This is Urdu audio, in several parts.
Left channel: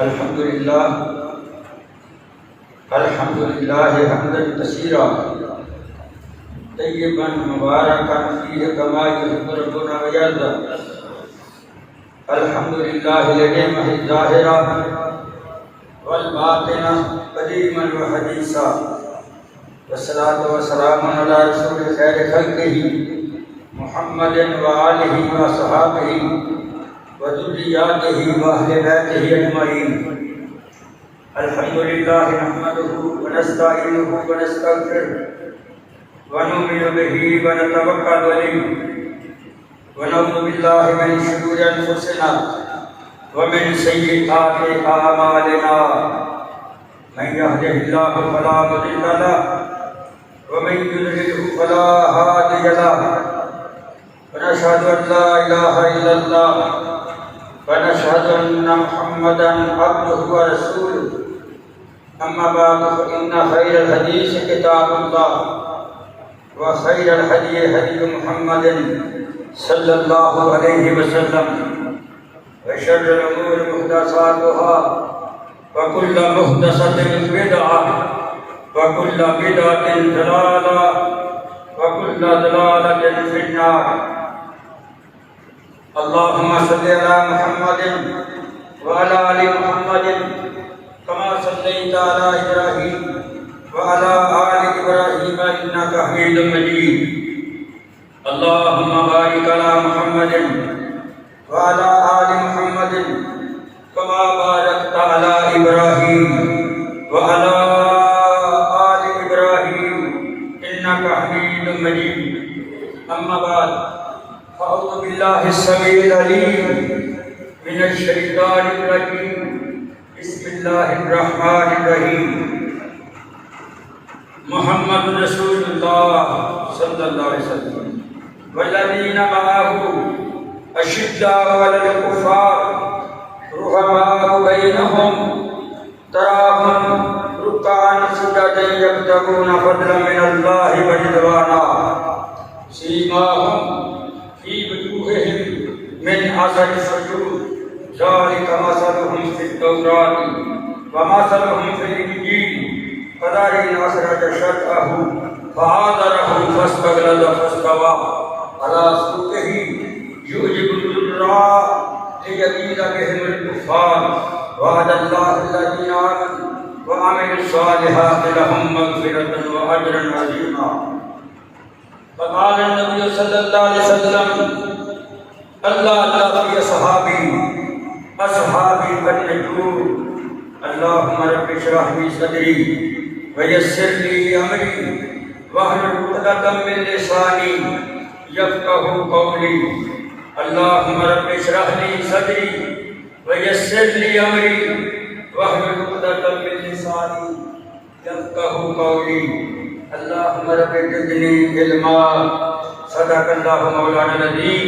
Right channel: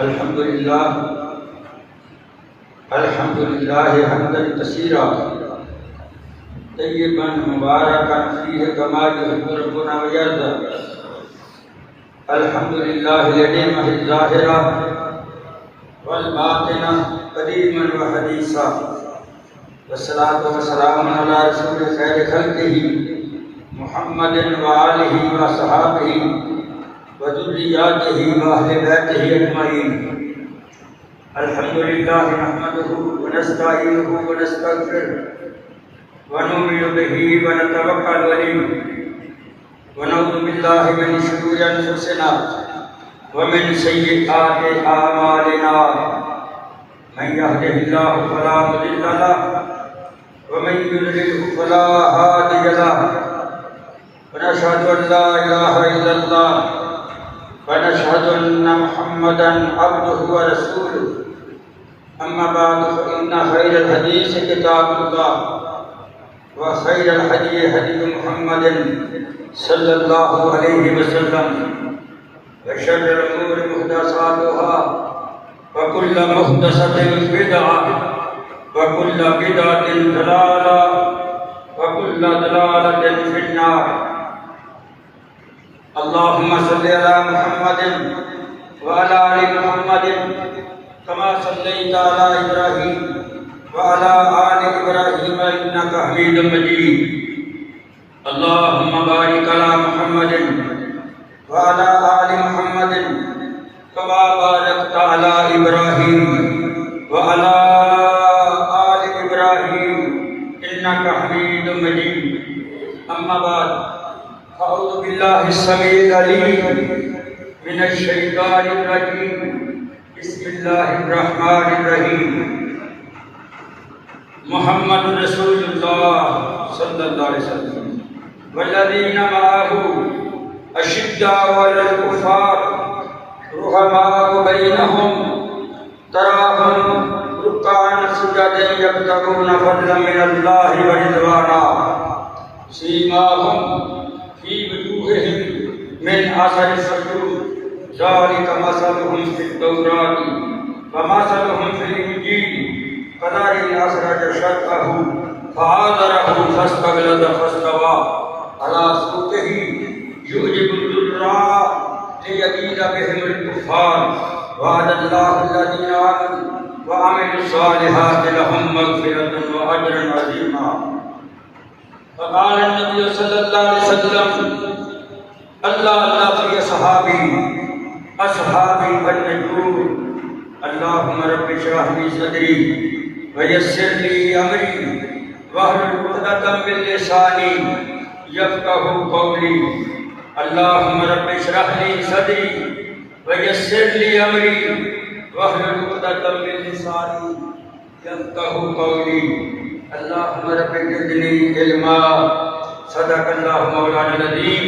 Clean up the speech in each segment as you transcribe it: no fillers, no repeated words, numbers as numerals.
الحمد لله حمدا كثيرا طيبا مباركا فيه كما يحب ربنا ويرضى. الحمد لله لنعمه الظاهرة والباطنة قديما وحديثا، والصلاة والسلام على رسول خير خلقه محمد وآله وصحابه وذرياته وأهل بيته أجمعين. الحمد لله نحمده ونستعينه ونستغفره ونؤمن به ونتوكل عليه ونعوذ بالله من شرور أنفسنا ومن سيئات أعمالنا. من يهده الله فلا مضل له ومن يضلل فلا هادي له. ونشهد أن لا إله إلا الله ونشهد أن محمدا عبده ورسوله. أما بعد فإن خير الحديث كتاب الله وخير الهدي هدي محمد صلى الله عليه وسلم، وشر الأمور محدثاتها وكل محدثة بدعة وكل بدعة ضلالة وكل ضلالة في النار. اللهم صل على محمد وعلى آل محمد كما صليت على إبراهيم وعلى آل إبراهيم إنك حميد مجيد. اللهم بارك على محمد وعلى آل محمد كما باركت على إبراهيم وعلى آل إبراهيم إنك حميد مجيد. أما بعد فأعوذ بالله السميع العليم من الشيطان الرجيم. بسم الله الرحمن الرحيم. محمد رسول الله صلى الله عليه وسلم والذين معه أشداء على الكفار رحماء بينهم تراهم ركعا سجدا يبتغون فضلا من الله ورضوانا سيماهم في وجوههم من أثر السجود ذلك مثلهم في التوراة ومثلهم في الإنجيل كزرع أخرج شطأه فآزره فاستغلظ فاستوى على سوقه يعجب الزراع ليغيظ بهم الكفار. وعد الله الذين آمنوا وعملوا الصالحات لهم مغفرة وأجرا عظيما. فقال النبي صلى الله عليه وسلم: الله في أصحابي كالنجوم. اللهم رب اشرح لي صدري ويسر لي أمري واحلل عقدة من لساني يفقهوا قولي. اللهم رب اشرح لي صدري ويسر لي أمري واحلل عقدة من لساني يفقهوا قولي. اللهم رب زدني علما. صدق الله مولانا العظيم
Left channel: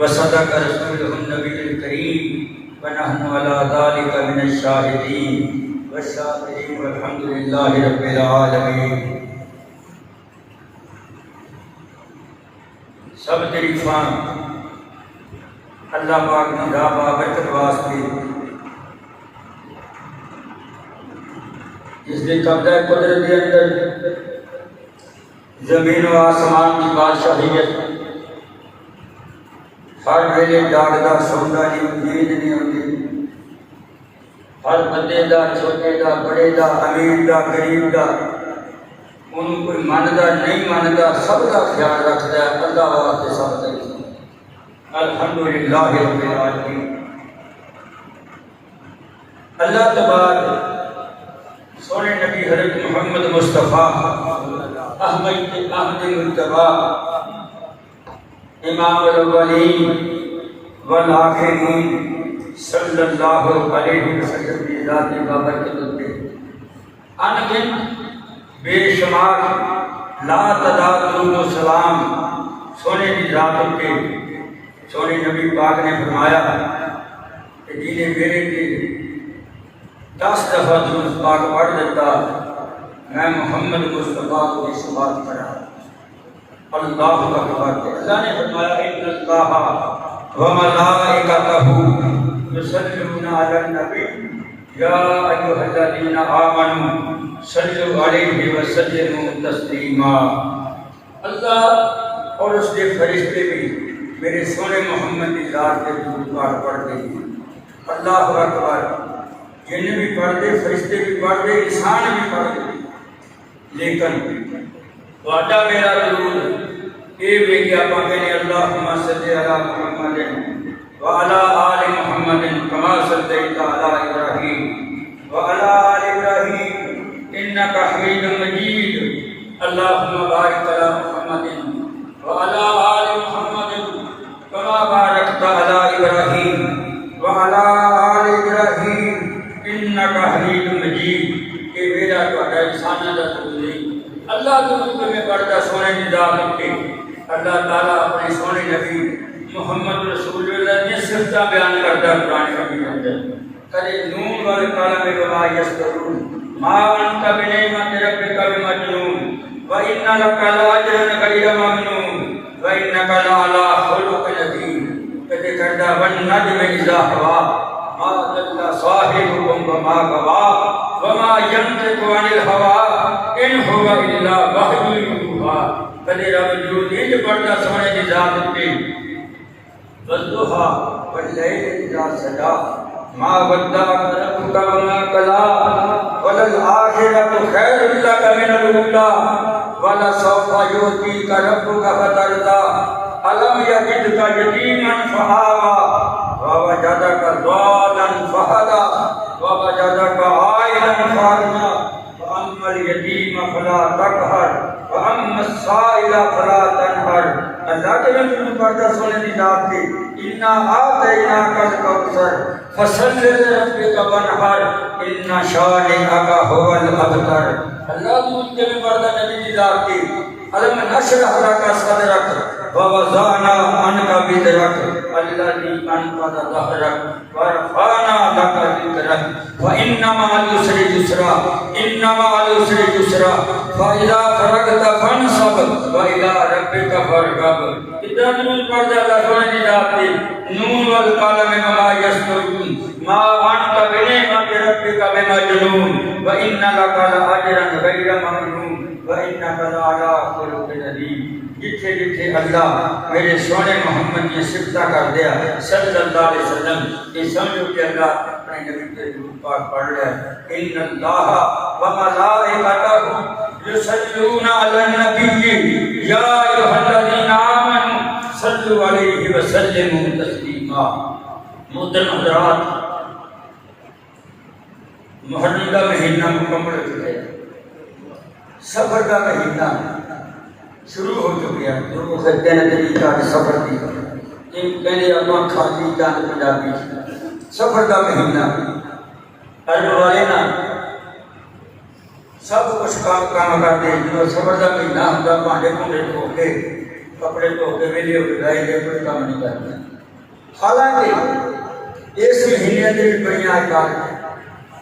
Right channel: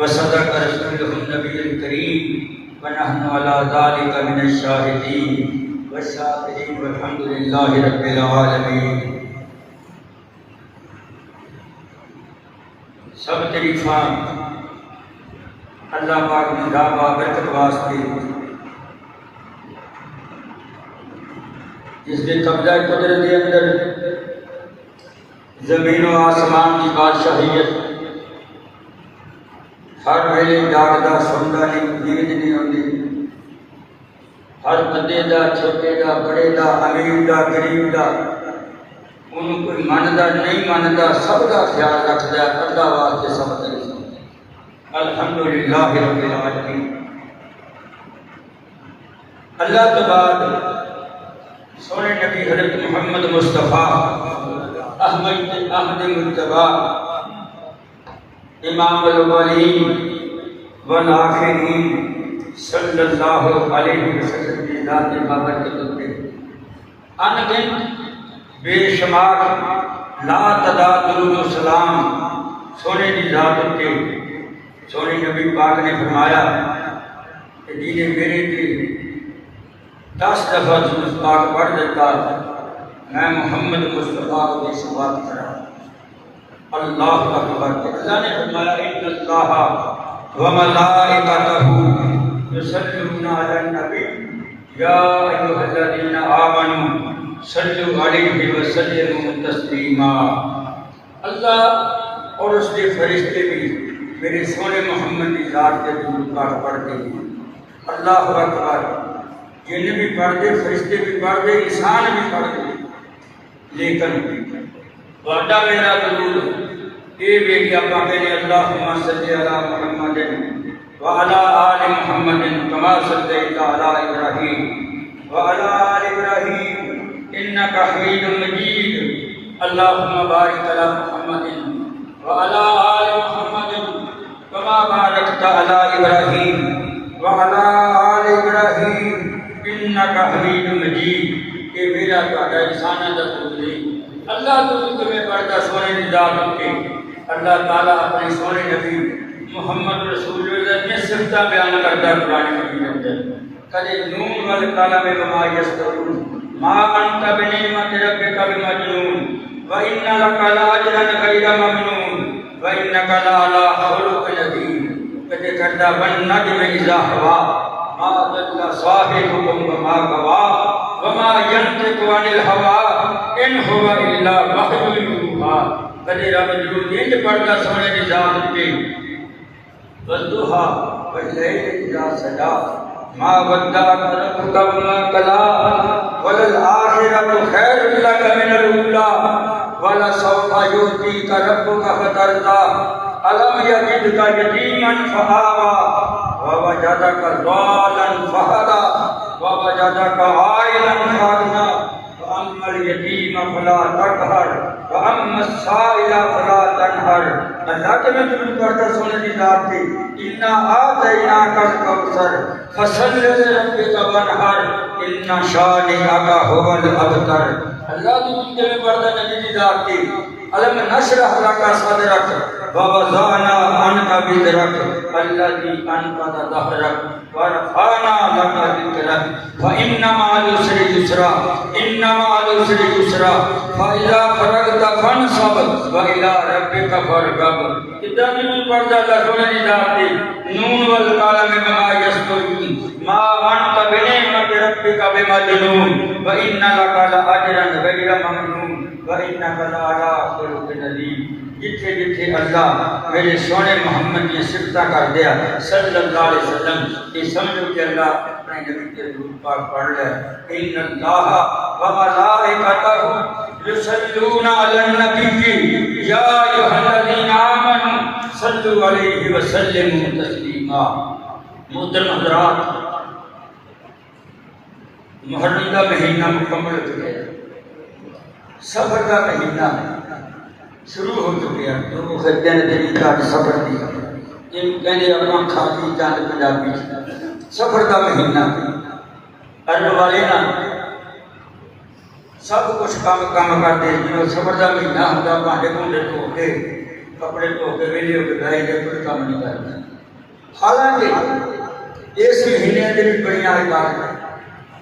وصدق رسوله النبي الكريم ونحن على ذلك من الشاهدين والشاكرين والحمد لله رب العالمين. سب تعریفاں اللہ پاک نے دا برکت واسطے جس نے قبضہ قدرت کے اندر زمین و آسمان کی بادشاہیت ہر ویلے جاگدا سوندا نہیں، نیند نہیں ہوندی. ہر بندے دا، چھوٹے دا، بڑے دا، امیر دا، غریب دا، انہوں کوئی مندا نہیں مندا، سب دا خیال رکھدا ہے. اللہ واسطے سب دا الحمدللہ رب العالمین. اللہ تبارک سونے نبی حضرت محمد مصطفیٰ احمد مجتبیٰ امام الاولین والآخرین صلی اللہ علیہ وسلم کی ذات بابرکت پہ ان گنت بے شمار لا تعداد درود و سلام سونے کی ذات پہ سونے نبی پاک نے فرمایا کہ جنہیں میرے کے 10 دفعہ درود پاک پڑھ دیتا میں محمد مصطفیٰ کو اس بات کرا. اللہ اکبر. اللہ نے فرمایا ان اللہ وملائکتہ یصلون علی النبی یا ایھا الذین آمنوا صلوا علیہ وسلموا تسلیما۔ اللہ اور اس کے فرشتے بھی میرے سونے محمد کی ذات کے درود پاک پڑھتے ہیں۔ اللہ اکبر، جن بھی پڑھتے، فرشتے بھی پڑھتے، انسان بھی پڑھتے، لیکن وعدہ میرا درود اے بھی آپ کہنے اللہم صلی علی محمد وعلی آل محمد کما صلیت علی ابراہیم وعلی آل ابراہیم انک حمید مجید اللہم بارک علی محمد وعلی آل محمد کما بارکت علی ابراہیم وعلی آل ابراہیم انک حمید مجید۔ کہ میرا تہاڈا انساناں دا درود نہیں، اللہ درود میں پڑھدا سونے دی ذات کے اللہ تعالیٰ اپنے سونے نبی محمد رسول اللہ کی صفتاں بیان کرتا ہے قرآن مجید کے اندر۔ کدے نون والقلم وما یسطرون ما انت بنعمت ربک بمجنون وان لک لاجرا غیر ممنون وانک لعلی خلق عظیم۔ کدے کردا والنجم اذا ہوا ما ضل صاحبکم وما غوا وما ينطق عن الهوى ان هو الا وحی یوحی۔ کدے رب درود انج پڑھدا سونے دی ذات تے والضحیٰ واللیل اذا سجا ما ودعک ربک وما قلی وللآخرۃ خیر لک من الاولی ولسوف یؤتیک ربک فترضی الم یجدک یتیما فآوی ووجدک ضالا فہدی ووجدک عائلا فأغنی فأما اليتیم فلا تقہر وأما السائل فلا تنہر۔ اللہ کے نبی پڑھتا سونے دی ذات کے انا آتیناک الکوثر فصل لربک وانحر ان شانئک ھو الابتر۔ اللہ درود کے میں پڑھتا نبی دی ذات کے الم نشرح لک صدرک ووضعنا عنک وزرک الذی انقض ظہرک ورفعنا لک ذکرک فإن مع العسر یسرا ان مع العسر یسرا فإذا فرغت فانصب وإلى ربک فارغب۔ کتنا درود پڑھتا اللہ سونے دی ذات کے نون والقلم وما یسطرون ما انت بنعمت ربک بمجنون وإن لک لأجرا غیر ممنون وإنک لعلی خلق عظیم۔ جتھے جتھے اللہ میرے سونے محمد کی صفتہ کر دیا صلی اللہ علیہ وسلم، یہ سمجھو کہ اللہ اپنے نبی کے درود پاک پڑھ لیا۔ ان اللہ وملائکتہ یصلون علی النبی یا ایھا الذین آمنوا صلوا علیہ وسلموا تسلیما۔ محترم حضرات، محرم کا مہینہ مکمل ہو چکا ہے، سفر کا مہینہ شروع ہو چکی ہے۔ جو مفسرین نے بھی سفر دی کہنے اپنا کھاتی جان پنجابی سفر کا مہینہ عرب والے نا سب کچھ کام کرتے ہیں۔ جو سفر کا مہینہ ہوتا بانڈے بونڈے دھو کے کپڑے دھو کے ویلے ہو کے گائے گئے کوئی کام نہیں کرتے۔ حالانکہ اس مہینے کے بھی بڑی عبادت ہیں،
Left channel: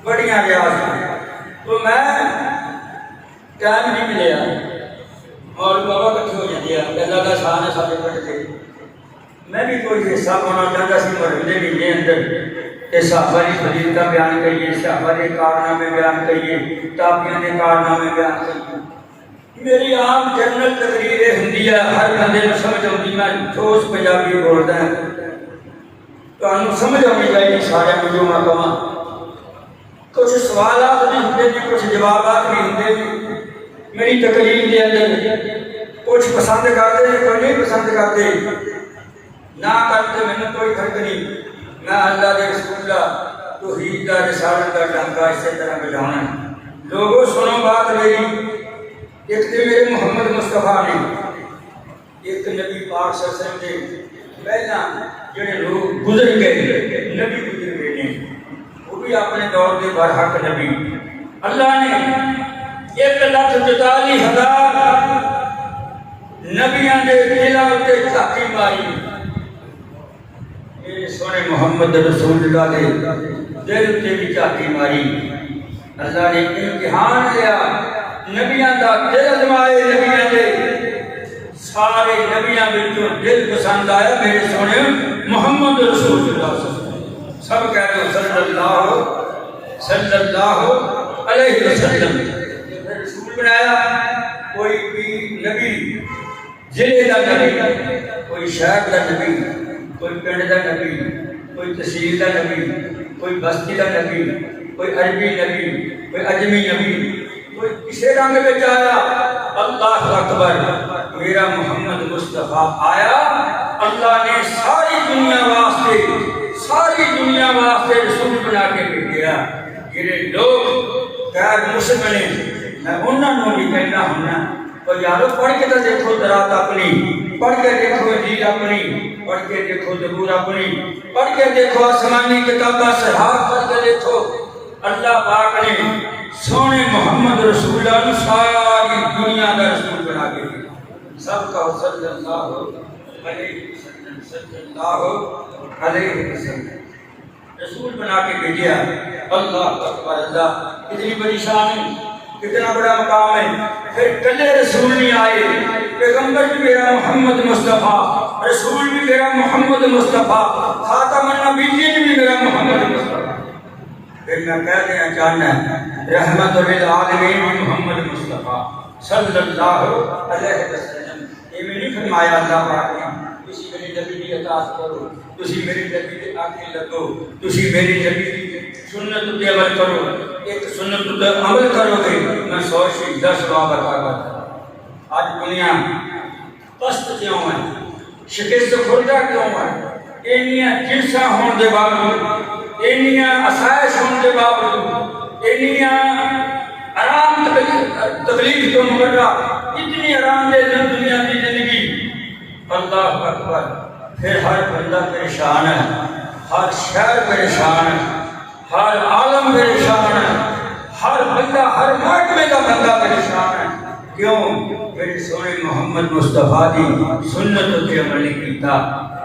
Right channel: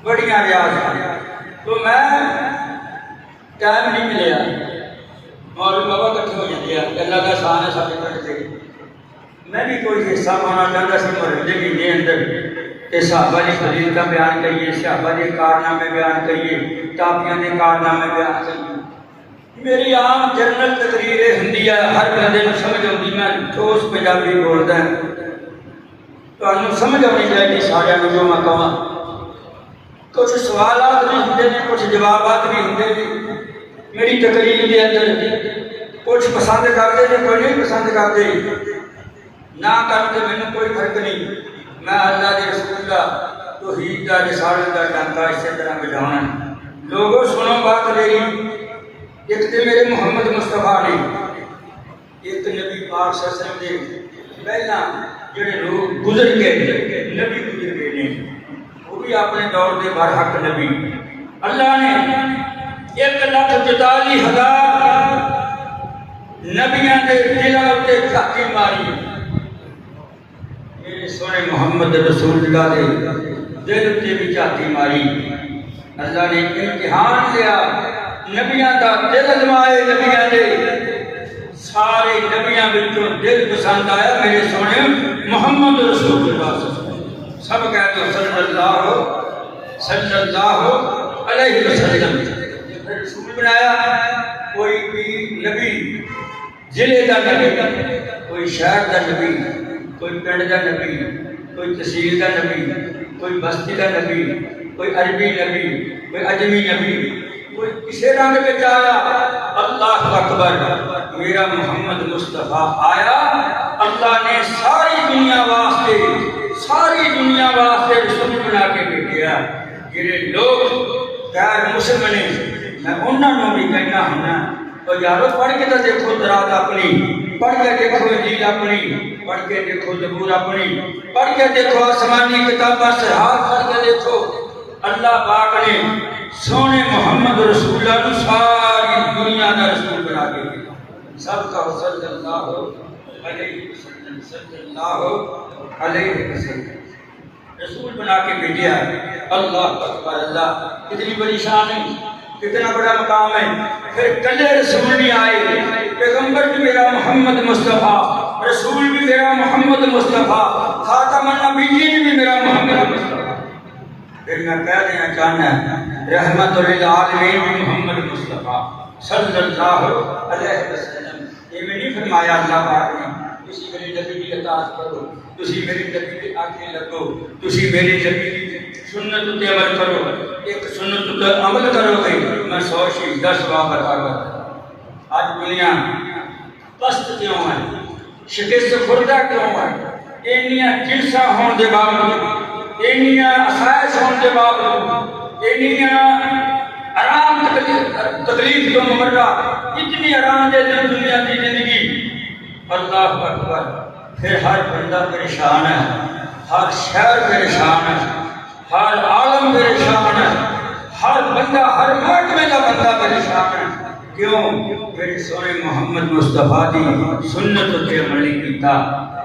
بڑی ریاض ہیں، تو میں ٹائم نہیں ملیا اور بابا کٹھے ہو جاتے ہیں اللہ کا سہانا سارے کٹتے۔ میں بھی کوئی حصہ ہونا چاہتا سی محرم مہینے اندر صحابہ کی فضیلت کا بیان کریے، صحابہ کے کارنامے بیان کریے، تابعین کے کارنامے بیان کریے۔ میری عام جنرل تقریر ہندی ہے، ہر بندے کو سمجھ آتی، میں ٹھوس پنجابی بولتا ہے تو ہمیں سمجھ آنی چاہیے سارے جو میں کہاں۔ کچھ سوالات بھی ہوتے ہیں، کچھ جوابات بھی ہوتے ہیں میری تقریر کے اندر۔ کچھ پسند کرتے ہیں، کوئی نہیں پسند کرتے، نہ کرتے میں کوئی فرق نہیں۔ میں اللہ کے رسول کا توحید کا رسالت کا ڈنکا اسی طرح بجانا ہے۔ لوگوں سنو بات میری، ایک تو میرے محمد مصطفیٰ نے، ایک نبی پاک صلی اللہ علیہ وسلم نے پہلا جڑے لوگ گزر گئے، نبی گزر گئے نے، وہ بھی اپنے دور کے برحق نبی۔ اللہ نے 1,44,000 نبیاں دے دلاں تے جھاتی ماری، میرے سونے محمد رسول اللہ دے دل تے بھی جھاتی ماری۔ اللہ نے امتحان لیا نبیاں دا دل ازمائے، نبیاں دے سارے نبیاں وچوں دل پسند آیا میرے سونے محمد رسول اللہ صلی اللہ علیہ وسلم۔ سب کہتے صلی اللہ صلی اللہ علیہ وسلم رسول بنایا. کوئی نبی ضلع کا نبی، کوئی شہر کا نبی، کوئی پنڈ کا نبی، کوئی تحصیل کا نبی، کوئی بستی کا نبی، کوئی عربی نبی، کوئی اجمی نبی، کوئی کسی رنگ میں آیا. اللہ اکبر، میرا محمد مصطفیٰ آیا. اللہ نے ساری دنیا واسطے رسول بنا کے بھیجا. جڑے لوگ غیر مسلم نے، میں انہوں بھی کہنا ہونا، تو یارو پڑھ کے تو دیکھو درات اپنی، پڑھ کے دیکھو انجیل اپنی، پڑھ کے دیکھو زبور اپنی، پڑھ کے دیکھو آسمانی کتاباں صحاف پڑھ کے دیکھو. اللہ پاک نے سونے محمد رسول اللہ ساری دنیا کا رسول بنا کے دیا. سب کا صلی اللہ علیہ وسلم، صلی اللہ علیہ وسلم رسول بنا کے بھیجا. اللہ اکبر، اللہ کتنی بڑی شان ہے، کتنا بڑا مقام ہے. پھر کلے رسول نہیں آئے، پیغمبر بھی میرا محمد مصطفیٰ، رسول بھی میرا محمد مصطفیٰ، خاتم النبیین بھی میرا محمد مصطفیٰ. پھر میں کہہ دیا چاہنا رحمت للعالمین بھی محمد مصطفیٰ صلی اللہ علیہ وسلم. یہ میں نہیں فرمایا اللہ پاک نے تسی میری نبی کی اطاعت کرو، تسی میری نبی کے آگے لگو، تسی میری نبی کی سنت پہ عمل کرو. ایک سنت پہ عمل کرو گے میں 100 شہید 10 ثواب عطا کرتا. آج دنیا پست کیوں ہے، شکست خوردہ کیوں ہے؟ اینیاں جنساں ہون دے باوجود، اینیاں آسائش ہون دے باوجود، اینیاں آرام تکلیف تو مبرہ، اتنی آرام دے دنیا کی زندگی. اللہ اکبر. پھر ہر بندہ پریشان ہے، ہر شہر پریشان ہے، ہر عالم پریشان ہے، ہر بندہ، ہر محکمے کا بندہ پریشان ہے. کیوں؟ میرے سونے محمد مصطفیٰ دی سنت تے عمل نہیں کیتا.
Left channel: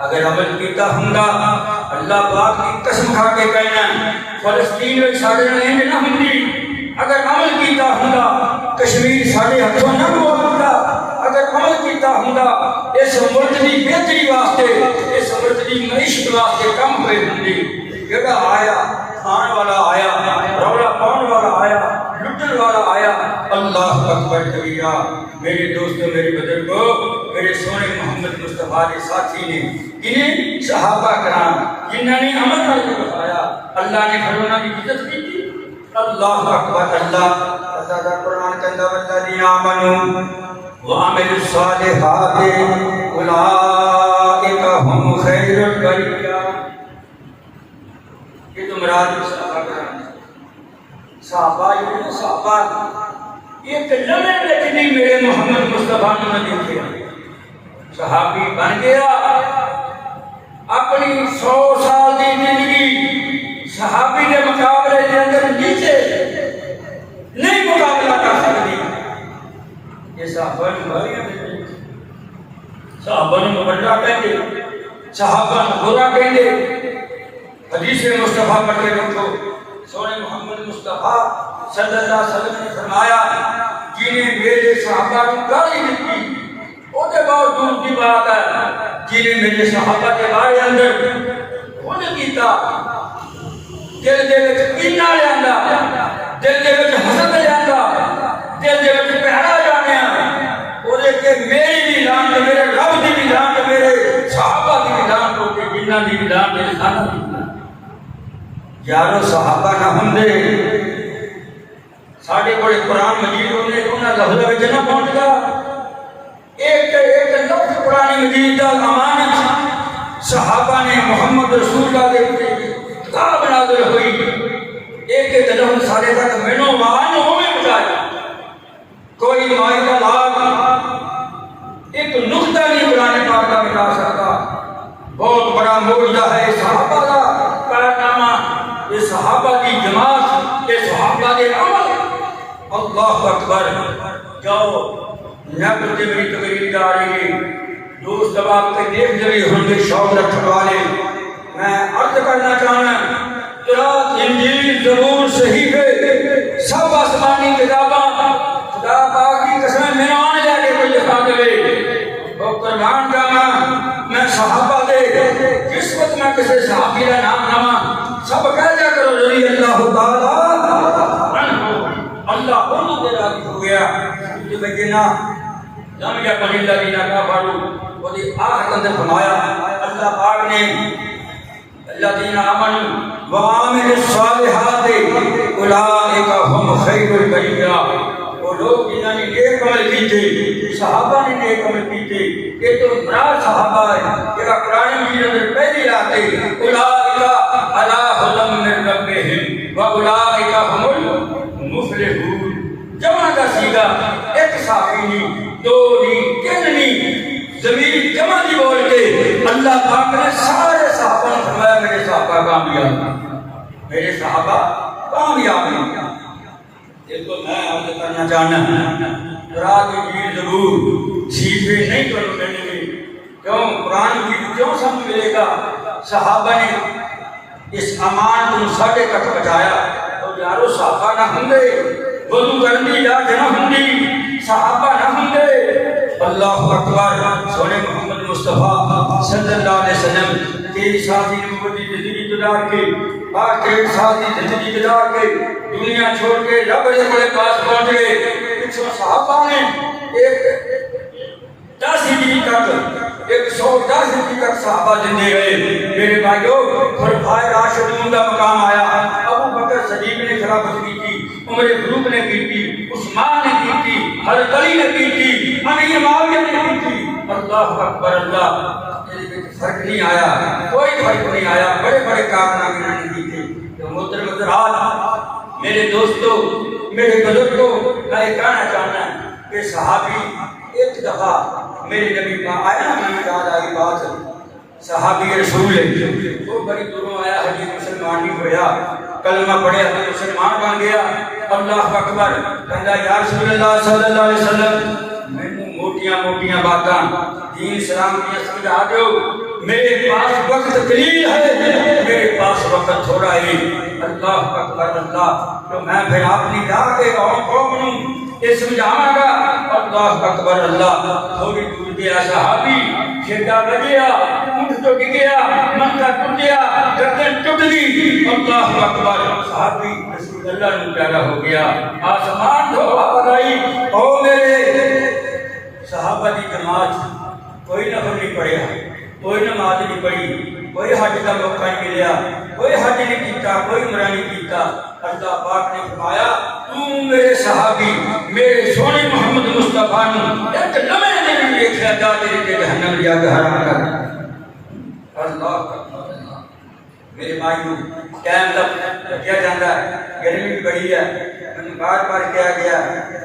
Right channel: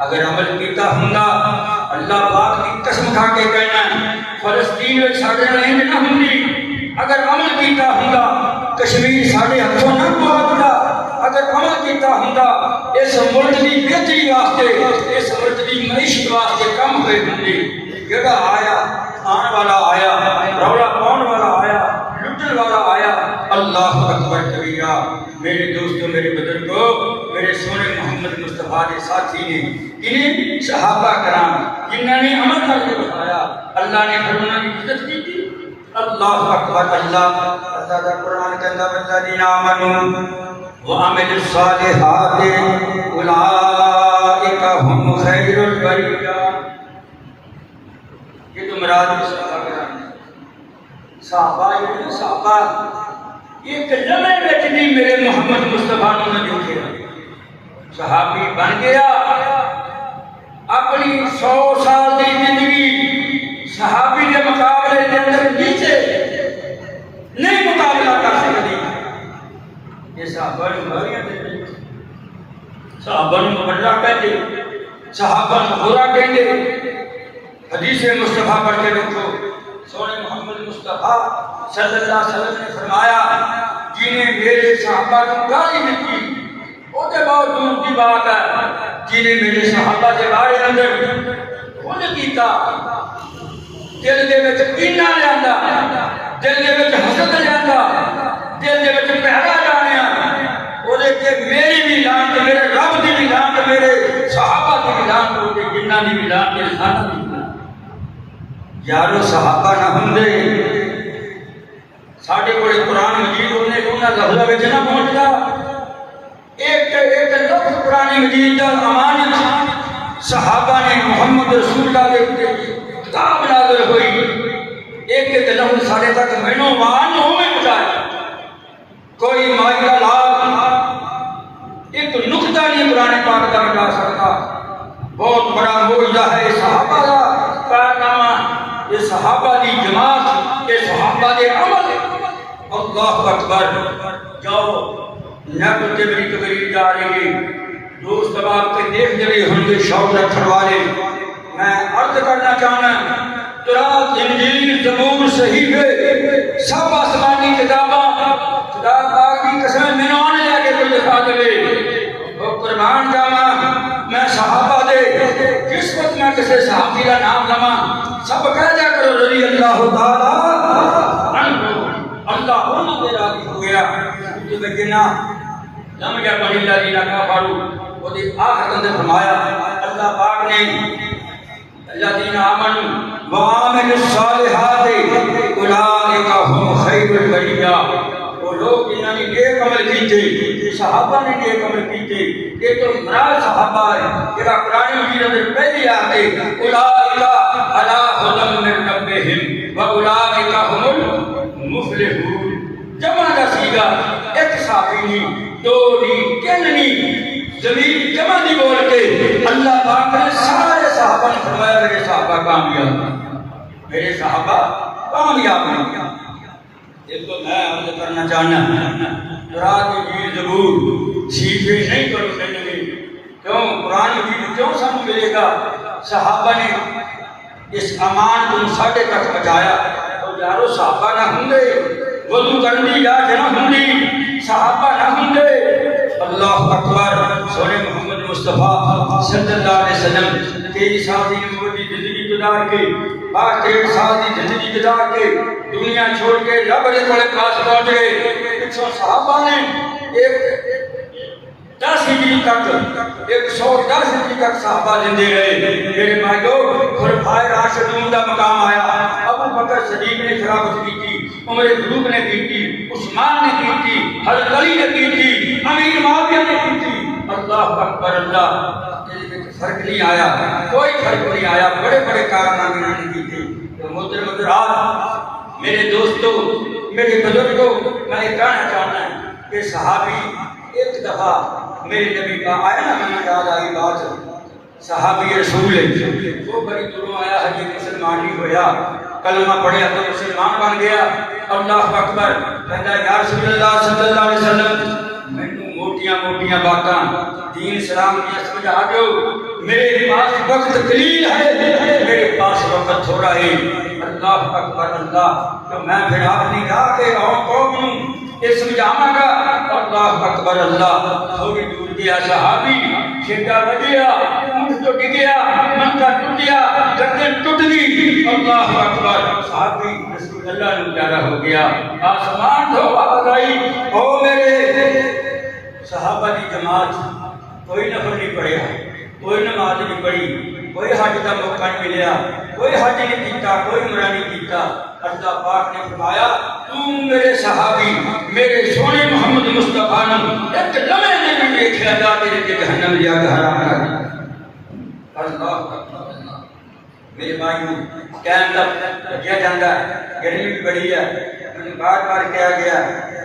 اگر عمل کیتا ہوندا، اللہ پاک کی قسم کھا کے کہنا فلسطین میں ساڑے نہیں نہ ہوندی. اگر عمل کیتا ہوندا کشمیر ساڑے ہتھوں نہ گواتا. اگر عمل کیتا ہوندا اس ملک دی بہتری واسطے، اس ملک دی معیشت واسطے کم ہوئے ہوندے. جڑا آیا کھان والا آیا، رولا پاؤن والا آیا، لٹن والا آیا. اللہ اکبر کبیرہ. میرے دوستو، میرے بزرگوں، میرے سونے محمد مصطفیٰ کے ساتھی نے انہیں صحابہ کرام جنہوں نے عمل کر کے بتایا، اللہ نے پھر انہوں کی عزت کی تھی. اللہ اکبر. اللہ تعالیٰ قرآن کہتا والذین آمنوا وعملوا الصالحات اولئک هم خیر البریہ. یہ تو مراد صحابہ کرام، صحابہ یہ صحابہ ایک لمحے میں بھی میرے محمد مصطفیٰ نے دیکھا. صحابی بن گیا، اپنی 100 سال کی زندگی صحابی کے مقابلے کے اندر نیچے نہیں مقابلہ کر سکتی. یہ صحابہ نے بھاریاں دے، صحابہ نے مبرہ کہتے، صحابہ نے برا کہتے. حدیث مصطفیٰ پڑھ کے دیکھو، سونے محمد مصطفیٰ صلی اللہ علیہ وسلم نے فرمایا جنہیں میرے صحابہ کی گالی دیتی، وہ کے باوجود کی بات ہے جنہیں میرے صحابہ کے بارے اندر خود کیتا، دل دے وچ کینہ لیاندا، دل دے وچ حسد لیاندا، دل دے وچ پیارا جانیا، وہ کہ میری بھی لعنت، میرے رب دی بھی لعنت، میرے صحابہ دی بھی لعنت ہوتی، جنہ دی بھی لعنت میرے ساتھ دی. یارو صحابہ نہ ہوندے ساڈے کول قرآن مجید ہونے انہاں لفظاں وچ نہ پہنچدا. ایک لفظ قرآن مجید دا امانت صحابہ نے محمد رسول اللہ دے کتاب نازل ہوئی، ایک لفظ ساڈے تک مینوں وان ہوے پہنچایا. کوئی مائی کا لال ایک نقطہ نہیں قرآن پاک کا بتا سکتا. بہت بڑا معجزہ ہے صحابہ کا کارنامہ، یہ صحابہ کی جماعت، یہ صحابہ کے عمل. اللہ اکبر. جاؤ نب سے میری تقریر جا رہی ہے، دوست اب آپ کے دیکھ رہے ہوں گے شوق رکھنے والے. میں عرض کرنا چاہنا تورات انجیل زبور صحیفے سب آسمانی کتاباں خدا پاک کی قسم میں آنے لے کے کوئی دکھا دے وہ قربان جانا. میں صحابہ دے جس وقت میں کسی صحابی کا نام لواں سب کہہ جا کرو رضی اللہ تعالیٰ گیا تو بجنا لم یکن الذین کفروا وہ دی آخر اندر فرمایا اللہ پاک نے الذین آمنوا وعملوا الصالحات اولئک هم خیر البریہ، وہ لوگ جنہوں نے نیک عمل کیتے، صحابہ نے نیک عمل کیتے، یہ تو مراد صحابہ ہے کہ قرآن مجید اندر پہلے آتے اولئک علی ھدی من ربہم واولئک هم المفلحون۔ جمع کا سیگا ایک صحابی نہیں، دو نہیں، تین نہیں، زمین جمع نہیں بول کے اللہ پاک نے سارے صحابہ نے فرمایا میرے صحابہ کامیاب، میرے صحابہ کامیاب ہیں۔ اس کو میں عرض کرنا چاہنا قرآن مجید زبور سیدھے نہیں تو ملیں گے، کیوں قرآن مجید کیوں سمجھ ملے گا؟ صحابہ نے اس امان کو ساڑھے تک پہنچایا، اور یارو صحابہ نہ ہوں گے وضو کرنے جا کے نہ ہوں گی، صحابہ نہ ہوں گے۔ اللہ اکبر، سونے محمد مصطفیٰ صلی اللہ علیہ وسلم 23 سال کی نبوتی زندگی گزار کے، 63 سال کی زندگی گزار کے دنیا چھوڑ کے رب کے بڑے پاس پہنچ گئے۔ 100 صحابہ نے 10 ہجری تک 110 ہجری تک صحابہ زندے رہے۔ میرے بھائیو، خلفائے راشدون کا مقام آیا، ابو بکر صدیق نے خلافت کی تھی، عمر فاروق نے کی تھی، عثمان نے کی تھی، حضرت علی نے کی تھی، امیر معاویہ نے کی تھی۔ اللہ اکبر اللہ، فرق نہیں آیا، کوئی فرق نہیں آیا، بڑے بڑے کارنامے نے کی تھی۔ تو محترم حضرات، میرے دوستو، میرے بزرگوں، میں یہ کہنا چاہنا ہے کہ صحابی ایک دفعہ میرے نبی پاک آیا نا، میں یاد آئی بات، صحابی رسول ہے، وہ بڑی دنوں آیا، حجی مسلمان نہیں ہویا، کلمہ پڑھیا تو مسلمان بن گیا۔ اللہ اکبر، کہتا یا رسول اللہ صلی اللہ علیہ وسلم، میں موٹیاں موٹیاں باتاں دین اسلام کی سمجھا دو، میرے پاس وقت قلیل ہے، میرے پاس وقت تھوڑا ہے۔ اللہ اکبر اللہ، تو میں پھر اپنی راہ کے قوم یہ سمجھاواں گا۔ اللہ اکبر اللہ، تھوڑی دور گیا صحابی، چھیٹا بجیا، اونٹ تو گیا، منتا ٹوٹ گیا، گردن ٹوٹ گئی۔ اللہ اکبر، صحابی رسول اللہ نے پیارا ہو گیا، آسمان سے آواز آئی، او میرے صحابہ کی جماعت، کوئی نفل نہیں پڑھیا، کوئی نماز نہیں پڑھی، کوئی حج کا موقع نہیں ملیا، کوئی حج نہیں کیتا، کوئی عمرہ نہیں کیتا۔ اللہ پاک نے فرمایا تو میرے صحابی میرے سونے محمد مصطفیٰ نے ایک لمحے میں بھی دیکھا جا کے جہنم جا کے حرام کر۔ اللہ میرے بھائیوں، ٹائم تک کیا جاتا ہے، گرمی بھی بڑی ہے، میں بار بار کیا گیا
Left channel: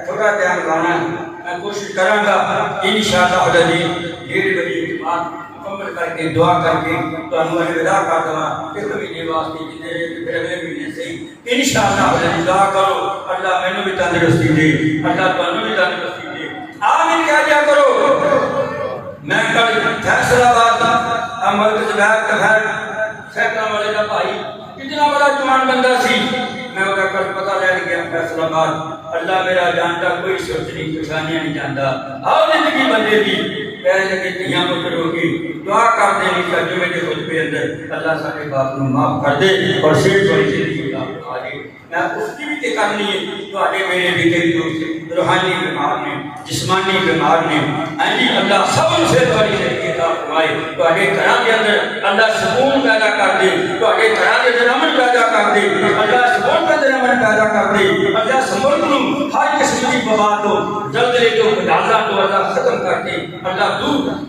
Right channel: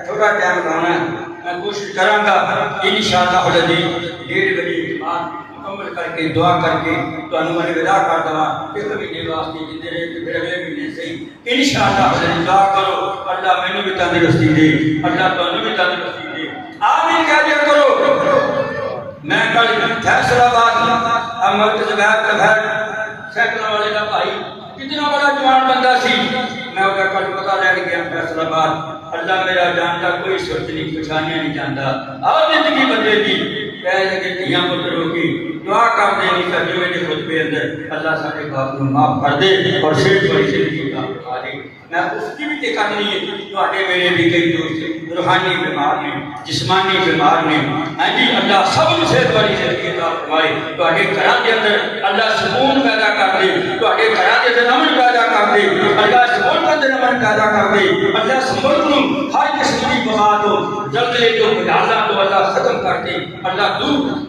تھوڑا ٹائم لانا ہے، میں کوشش کراں گا انشاءاللہ العزیز 1:30 بجے نماز مکمل کر کے دعا کر کے تو میں ودا کر دوں ایک مہینے واسطے جتنے رہے پھر اگلے مہینے سے انشاءاللہ العزیز دعا کرو اللہ مینوں بھی تندرستی دے، اللہ تانوں بھی تندرستی دے، آمین کہہ دیا کرو۔ میں کل فیصل آباد مرکز غیر تفہر سیکٹر والے کا بھائی کتنا بڑا جوان بندہ سی، میں وہ کل پتہ لے گیا فیصل آباد، اللہ میرا جانتا، کوئی سوچ نہیں پریشانیاں نہیں جانتا، آؤ زندگی بدلے گی، کہنے لگے کہ یہاں مطلب ہوگی دعا کر دے نہیں کر جو میرے خطبے اندر اللہ سارے باپ کو معاف کر دے اور صرف بڑی زندگی کا آ دے۔ میں اس کی بھی کرنی ہے، تو میرے بھی کئی دوست روحانی بیمار نے، جسمانی بیمار نے، جی اللہ سب سے بڑی زندگی کا فرمائے، تو گھراں کے اندر اللہ سکون پیدا کر دے، تو گھراں کے اندر امن پیدا کر دے، اللہ سکون کے اندر امن پیدا کر دے، اللہ سمجھ لوں ہر قسم کی بلا تو زلزلے تو بجالا تو اللہ ختم کر دے، اللہ دور۔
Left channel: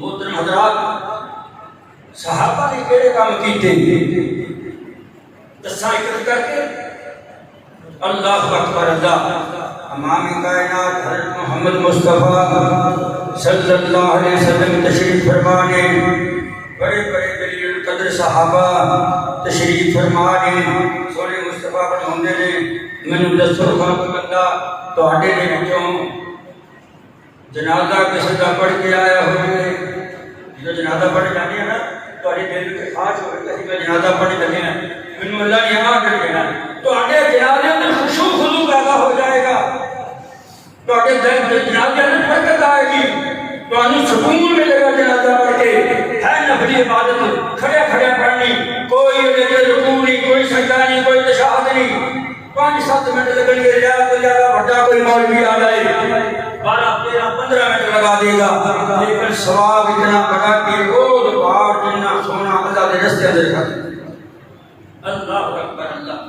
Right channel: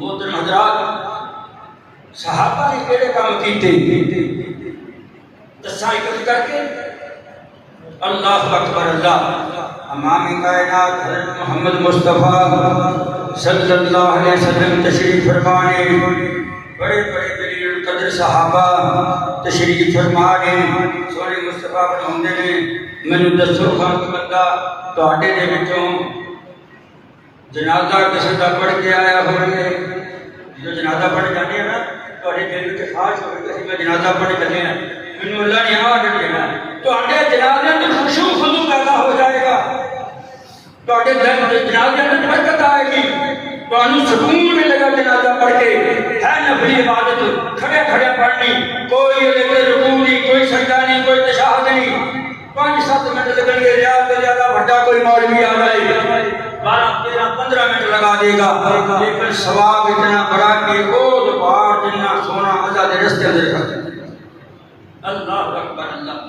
محترم حضرات، صحابہ نے کیڑے کام کیتے دساں اکٹھ کر کے، اللہ اکبر اللہ، امام کائنات حضرت محمد مصطفیٰ صلی اللہ علیہ وسلم تشریف فرمانے، بڑے بڑے جلیل القدر صحابہ تشریف فرمانے، سونے مصطفیٰ فرماندے نے مینوں دسو خالق اللہ تواڈے دے وچوں جنازہ کسی کا پڑھ کے آیا ہوئے، جو جنازہ پڑھ جانے ہیں نا تواڈے دل وچ خواہش ہوئے کہ میں جنازہ پڑھ جانے ہیں، مینوں اللہ نے آ کر دینا، تواڈے جنازے میں خشوع خضوع پیدا ہو جائے گا، تواڈے جنازے میں برکت آئے گی، تانوں سکون ملے گا جنازہ پڑھ کے۔ ہے نفلی عبادت کھڑے کھڑے پڑھنی، کوئی رکوع نہیں، کوئی سجدہ نہیں، کوئی تشہد نہیں، 5 7 منٹ لگن گے زیادہ تو زیادہ بڑا کوئی مولوی آ جائے 12 13 15 منٹ لگا دے گا لیکن ثواب اتنا بڑا کہ روز بار جتنا سونا اللہ کے رستے اندر کر اللہ اکبر اللہ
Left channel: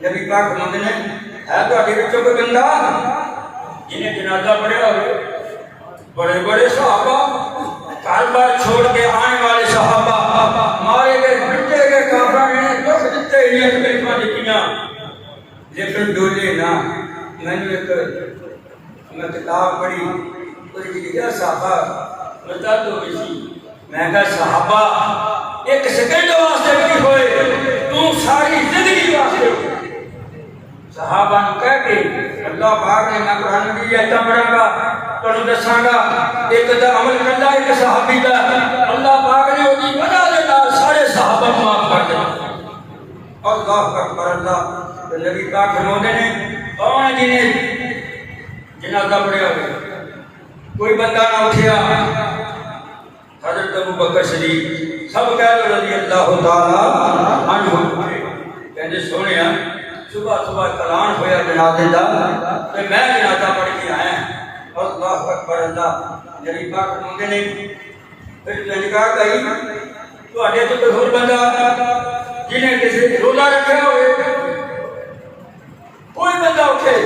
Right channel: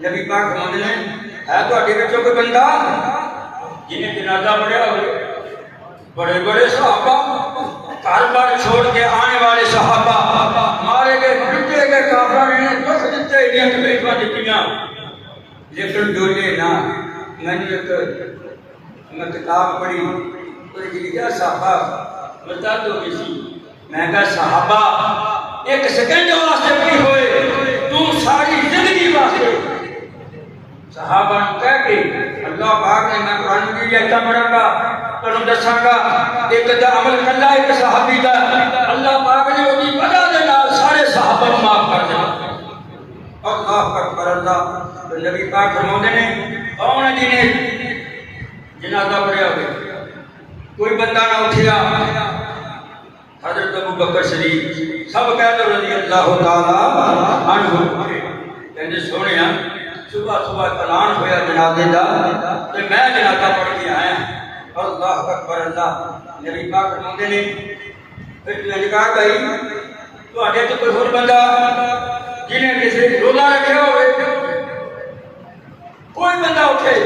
نبی پاک فرماتے ہیں ہے تواڈے وچوں کوئی بندہ جنہیں جنازہ پڑھیا ہوئے بڑے بڑے صحابہ گھر بار چھوڑ کے آنے والے صحابہ مارے گئے پٹے گئے کافروں نے دکھ دیتے ہی تکلیفاں دتیاں لیکن ڈولے نہ میں نے ایک کتاب پڑھی کوئی جگہ صحابہ بتا دو کسی میں کہا صحابہ ایک سیکنڈ واسطے بھی ہوئے تو ساری زندگی واسطے صحابہ نے کہا کہ اللہ پاک نے میں قرآن کی آیتاں پڑھاں گا تانوں دساں گا ایک دا عمل کرنا ایک صحابی دا اللہ پاک نے اودی وجہ دے نال سارے صحابہ کو معاف کر دیا اللہ اکبر اللہ تو نبی پاک فرماتے ہیں کون جنہیں جنازہ پڑھیا ہوئے کوئی بندہ نہ اٹھیا حضرت ابو بکر صدیق سب کہہ دو رضی اللہ تعالی عنہ کہندے سونیا صبح صبح اعلان ہویا جنازے دا تے میں جنازہ پڑھ کے آیا اللہ اکبر اللہ نبی پاک فرماتے ہیں پھر میں نے کہا بھائی تواڈے تے کوئی ہور بندہ جنہیں کسی روزہ رکھیا ہوئے کوئی بندہ اٹھے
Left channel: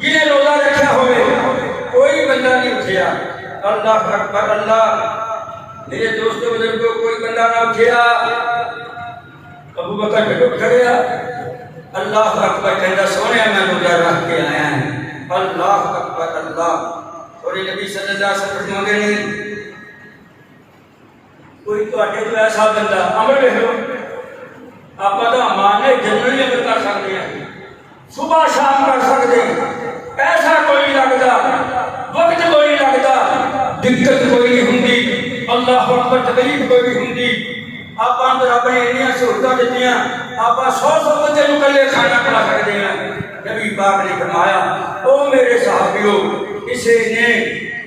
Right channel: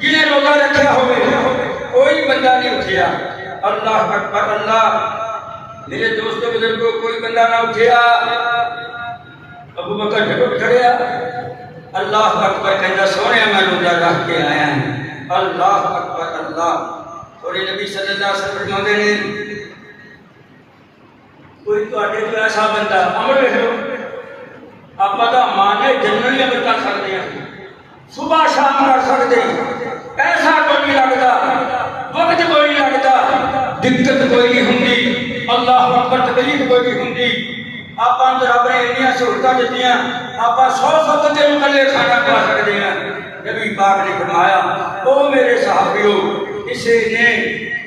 جنہیں روزہ رکھیا ہوئے کوئی بندہ نہیں اٹھیا اللہ اکبر اللہ میرے دوستوں بزرگوں کوئی بندہ نہ اٹھیا ابو بکر پھر کھڑیا اللہ اکبر کہندا سونے میں روزہ رکھ کے آیا ہوں اللہ اکبر اللہ اور نبی صلی اللہ علیہ وسلم فرماتے ہیں کوئی تواڈے تو ایسا بندہ عمل ویکھو آپ دا مانے جنرلی عمل کر سکتے ہیں صبح شام کر سکتے پیسہ کوئی نہیں لگتا وقت کوئی نہیں لگتا دقت کوئی نہیں ہوندی اللہ اکبر تکلیف کوئی نہیں ہوندی آپ اندر اپنے انیاں سہولتاں دتیاں آپ 100 بندے نوں کلے کھانا کھلا سکتے ہیں نبی پاک نے فرمایا او میرے صحابیو اسے نے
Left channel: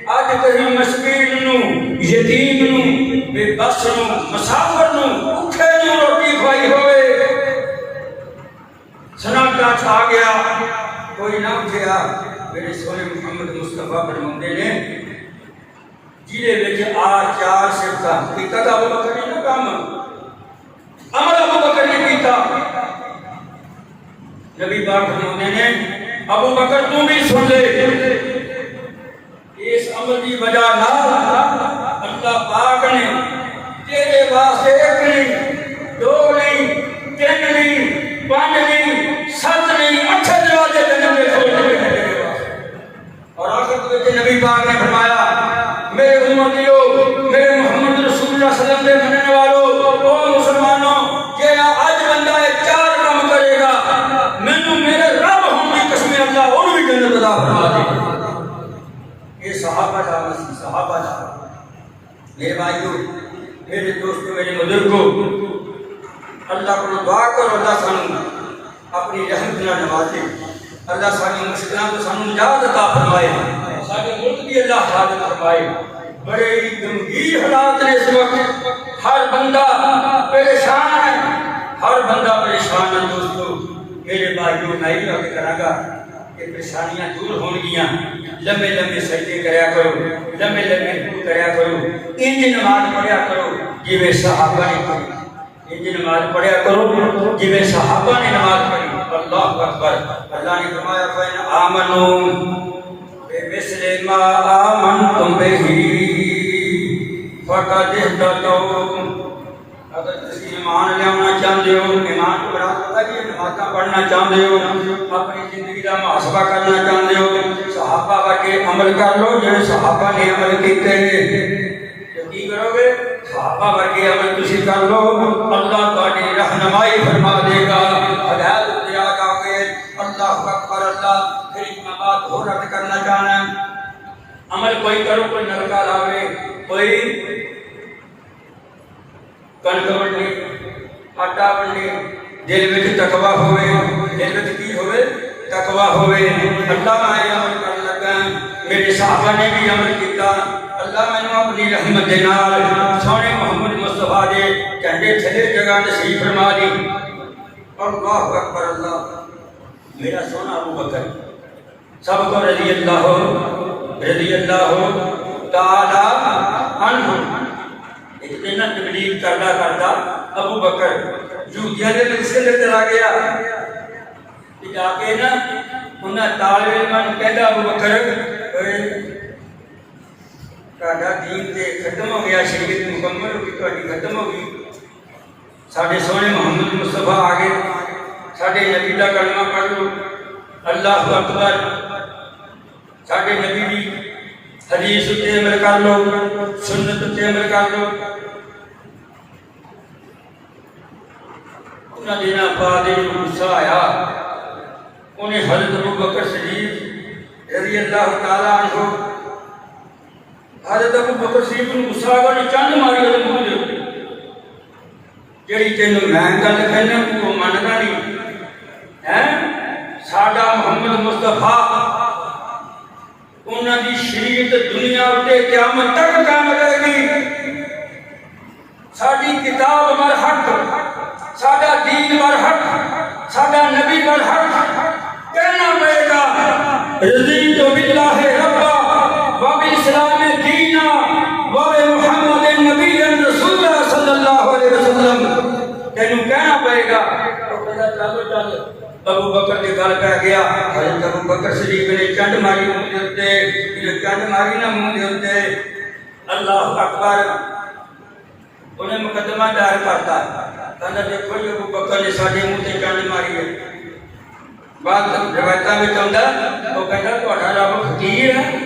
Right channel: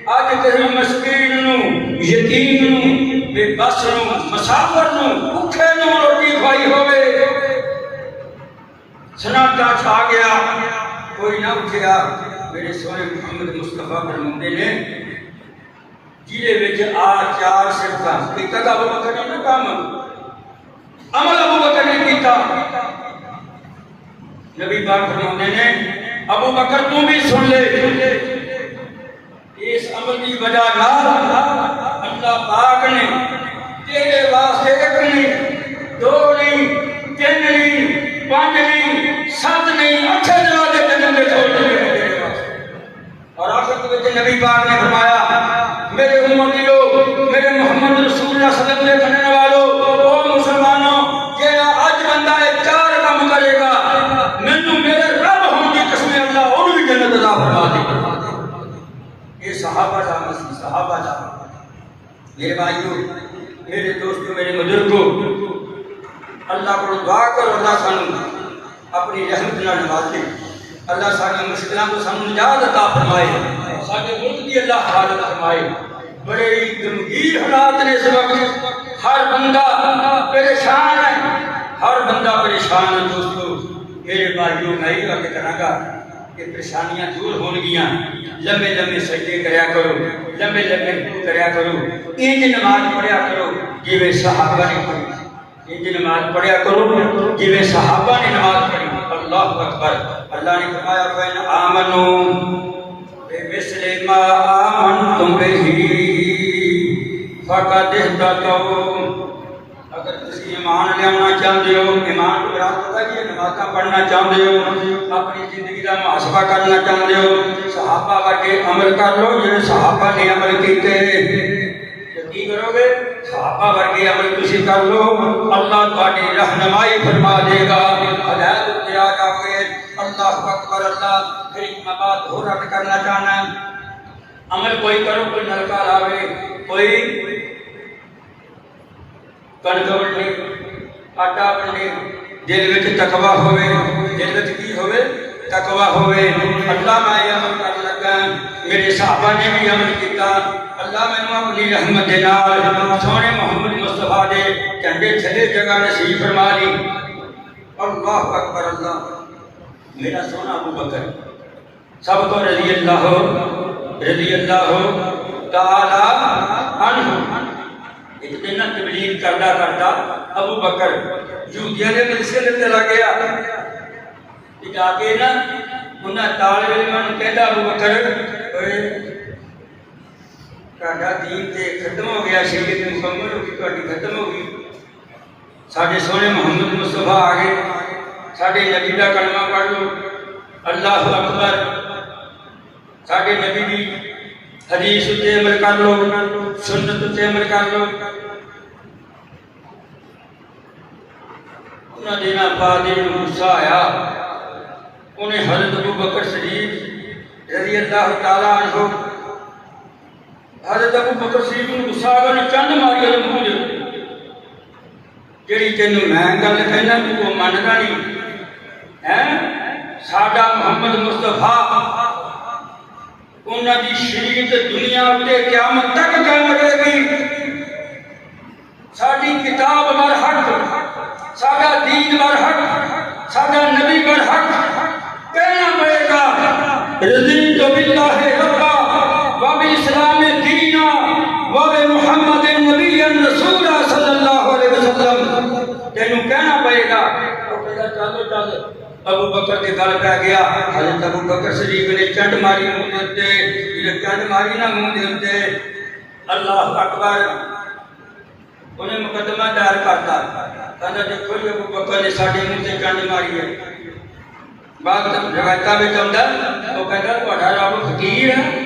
اج تیری مسکین نوں یتیم نوں بے بس نوں مسافر نوں بھوکے نوں روٹی کھوائی ہوئے سناٹا چھا گیا کوئی نہ اٹھیا میرے سونے محمد مصطفیٰ فرماتے ہیں جیلے وچ آ 4 صفتاں کیتا ابو بکر نے نہ کام عمل ابو بکر نے کیتا نبی پاک فرماتے ہیں ابو بکر تم بھی سن لے اس عمل کی وجہ نال اللہ پاک نے تیرے واسطے ایک نہیں 2 نہیں 3 نہیں 5 نہیں 7 نہیں 8 دروازے جنت کے کھول دیے اور آخر میں نبی پاک نے فرمایا میرے امتیو میرے محمد رسول اللہ صلی اللہ علیہ وسلم کے مننے والوں او مسلمانوں جیڑا اج بندہ 4 کام کرے گا مینوں میرے رب ہون دی قسم اللہ اور بھی جنت عطا فرما دے گا یہ صحابہ دا مسئلہ صحابہ دا میرے بھائیو میرے دوستو میرے بزرگوں اللہ کو دعا کرو اللہ سانو اپنی رحمت نہ نوازے اللہ ساری مشکلوں کو سانو نجات عطا فرمائے سارے ملک کی اللہ حفاظت فرمائے بڑے گمبھیر حالات نے اس وقت ہر بندہ پریشان ہے ہر بندہ پریشان ہے دوستو میرے بھائیوں میں ہی وقت کراں گا کہ پریشانیاں دور ہون گیاں لمبے لمبے سجدے کریا کرو لمبے لمبے رکوع کریا کرو انج نماز پڑھیا کرو جویں صحابہ نے پڑھی انج نماز پڑھیا کرو جویں صحابہ نے نماز پڑھی اللہ اکبر اللہ نے فرمایا فَإِنْ آمَنُوا بِمِثْلِ مَا آمَنْتُمْ بِهِ فَقَدِ اهْتَدَوْا اگر تسی ایمان لیانا چاہتے ہو ایمان کو برات ہوتا ہے نمازاں پڑھنا چاہتے ہو اپنی زندگی کا محاسبہ کرنا چاہتے ہو صحابہ ورگے عمل کر لو جنہیں صحابہ نے عمل کیتے ہیں کی کرو گے صحابہ ورگے عمل تسی کر لو اللہ تہاڈی رہنمائی فرما دے گا ہدایت تے آ جاؤ گے اللہ اکبر اللہ پھر ایک بات اور رد کرنا چاہنا عمل کوئی کرو کوئی نلکا لاوے کوئی کنک بننی آٹا بننی دل وچ تقوی ہوے دل وچ کی ہوے تقوی ہوے اللہ میں عمل کر لگا میرے صحابہ نے بھی عمل کیتا اللہ میں اپنی رحمت دے نال سونے محمد مصطفیٰ دے جھنڈے تھلے جگہ نصیب فرما دی اللہ اکبر اللہ میرا سونا ابو بکر سب کو رضی اللہ تعالی عنہ اتنا تبلیغ کرتا ابو بکر یہودیاں نے مسجد کے اندر آ گیا جا کے نا انہاں طالب علماں نوں کہندا ابو بکر تہاڈا دین تے ختم ہو گیا شریعت مکمل ہو گئی تہاڈی ختم ہو گئی ساڈے سونے محمد مصطفیٰ آ گئے ساڈے نبی دا کلمہ پڑھ لو اللہ اکبر ساڈے نبی دی حدیث تے عمل کر لو سنت تے عمل کر لو انہاں دینا بعد غصہ آیا انہیں حضرت ابو بکر صدیق رضی اللہ تعالی عنہ حضرت ابو بکر صدیق نوں غصہ آ گیا چنڈ ماری دے منہ دے جڑی تینوں میں گل کہنا تو مندا نہیں ہے ساڈا محمد مصطفیٰ انہاں دی شریعت دنیا تے قیامت تک قائم رہے گی ساڈی کتاب برحق ساڈا دین برحق ساڈا نبی برحق کہنا پڑے گا رضیت باللہ ربا وبالاسلام دینا وبمحمد نبی رسول صلی اللہ علیہ وسلم تینوں کہنا پڑے گا تو کہا چل ابو بکر کے گل پہ گیا حضرت ابو بکر صدیق نے چنڈ ماری منہ دے اتے یہ چنڈ ماری نہ منہ دے اتے اللہ اکبر انہیں مقدمہ دائر کرتا کہنا دیکھو یہ ابو بکر نے ساڈے منہ تے چنڈ ماری ہے بعد روایتاں وچ آندا او کہندا تہاڈا رب فقیر ہے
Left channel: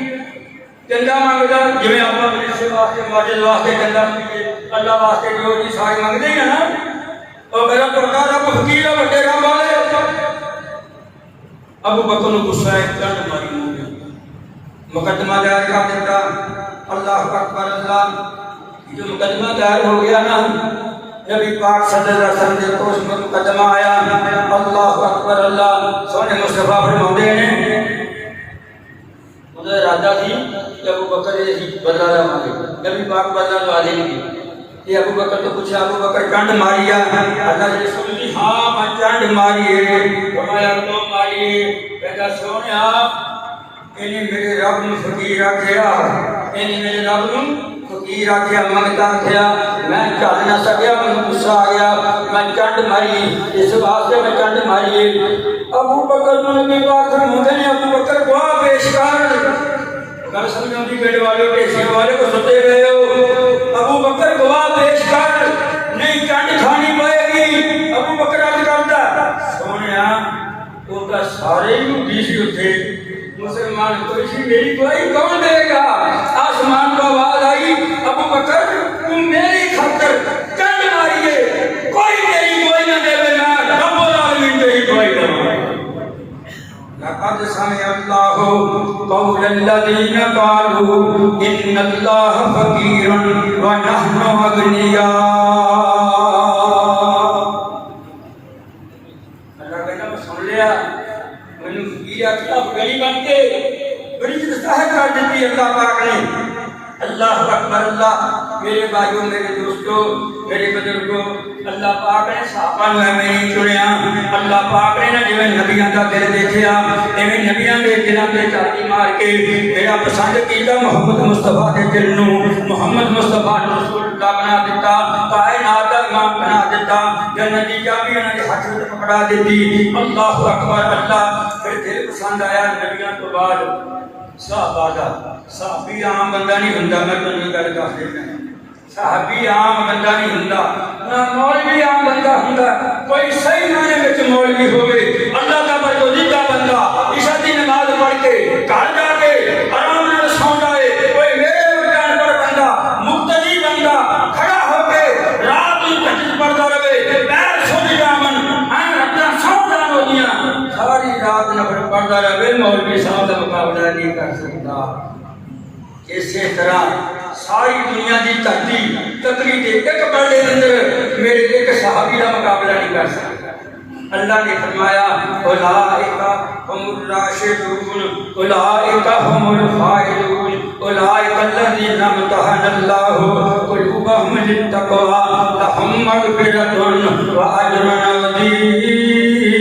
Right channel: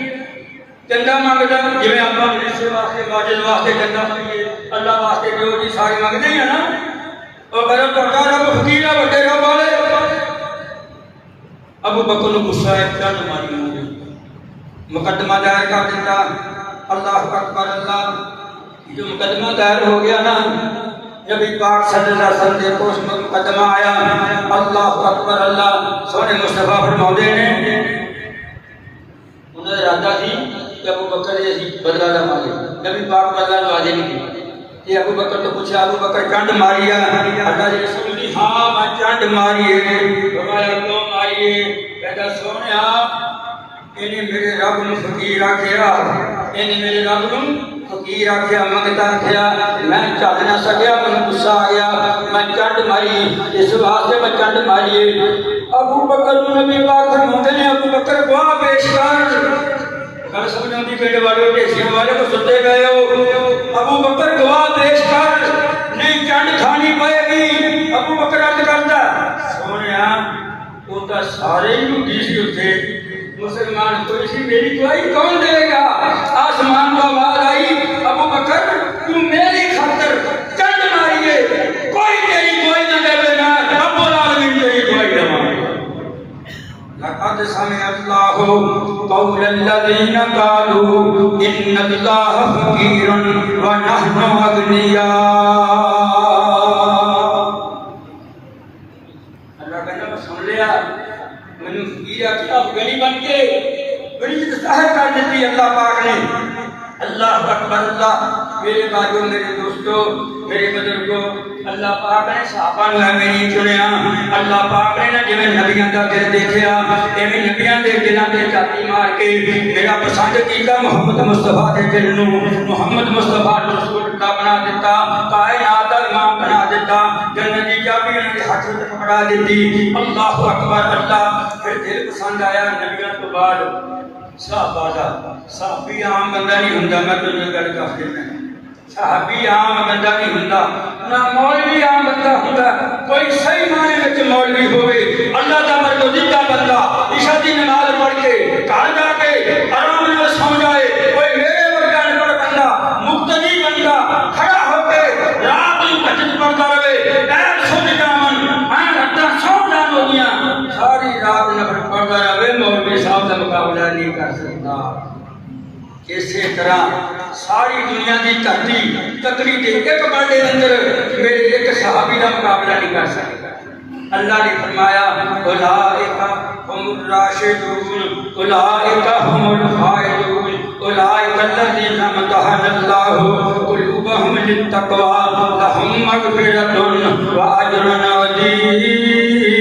چندہ منگدا جویں اپنا مریض واسطے ماجد واسطے چندہ منگے اللہ واسطے جو جی سارے منگدے ہیں نا او کہندا تہاڈا رب فقیر ہے وڈے رب والے ابو بکر نوں غصہ آیا چنڈ ماری منہ دے مقدمہ دائر کر دیتا اللہ اکبر اللہ جو مقدمہ دائر ہو گیا نا نبی پاک صلی اللہ علیہ وسلم دے کوش مقدمہ آیا اللہ اکبر اللہ سونے مصطفیٰ فرماؤندے نے انہیں ارادہ تھی کہ ابو بکر یہ بدلہ لے مانگے نبی پاک بدلہ لے آدھے نہیں یہ ابو بکر تو پوچھا ابو بکر چنڈ ماری ہے اللہ رسول نے ہاں میں چنڈ ماری ہے فرمایا تو ماری ہے کہتا سونے انہیں میرے رب نے فقیر آکھیا انہیں میرے رب نے فقیر آکھیا منگتا آکھیا میں چل نہ سکیا مجھے غصہ آ گیا میں چنڈ ماری اس واسطے میں چنڈ ماری ہے ابو بکر نے نبی پاک فرماتے ہیں ابو بکر گواہ پیش کر اگر سب نے اپنی پیٹ والے پیشیاں والے کو ستے گئے ہو ابو بکر گواہ پیش کر نہیں چنڈ کھانی پائے گی ابو بکر عرض کرتا سونے وہ تو سارے ہی دیسی ہوتے مسلمان کوئی سی میری دعائی کون دے گا آسمان کو آواز آئی ابو بکر تم میری خاطر چنڈ ماریے کوئی تیری کوئی نہ دے میں رب العالمین تیری کوئی نہ مارے لقد سمع الله قول الذين قالوا ان الله فقير ونحن اغنياء اللہ کہنا میں سن لیا میں فقیر کیا غریب بن کے بڑی ظاہر کر دیتی اللہ پاک نے اللہ اکبر اللہ میرے بھائیوں میرے دوستوں میرے بزرگوں اللہ پاک نے صحابہ نوں میں نہیں چنیا اللہ پاک نے جو نبیوں دا دل دیکھیا ایویں نبیوں دے دلاں تے چاتی مار کے میرا پسند کیتا محمد مصطفیٰ دے دل نوں محمد مصطفیٰ رسول اللہ بنا دیتا کائنات دا امام بنا دیتا جنت دی چابی انہاں دے ہاتھ وچ پکڑا دیتی اللہ اکبر اللہ پھر دل پسند آیا نبیوں تو بعد صحابہ دا صحابی عام بندہ نہیں ہوندا میں تو یہ گل کر دینا صحابی عام بندہ نہیں ہوندا نہ مولوی عام بندہ ہوندا کوئی صحیح معنی وچ مولوی ہوے اللہ دا برگزیدہ بندہ عشاء دی نماز پڑھ کے گھر جا کے آرام نال سو جائے کوئی میرے ورگا انپڑھ بندہ مقتدی بندہ کھڑا ہو کے رات نوں تہجد پڑھدا رہے پیر سو جامن راتاں سو جان ہوندیاں ساری رات نفل پڑھدا رہے مولوی صاحب دا مقابلہ نہیں کر سکتا اسی طرح ساری دنیا کی دھرتی تکری کے ایک بڑے اندر میرے ایک صحابی کا مقابلہ نہیں کر سکتا اللہ نے فرمایا اولئک هم الراشدون اولئک هم الفائزون اولئک الذین امتحن اللہ قلوبهم للتقوى لهم مغفرۃ واجر عظیم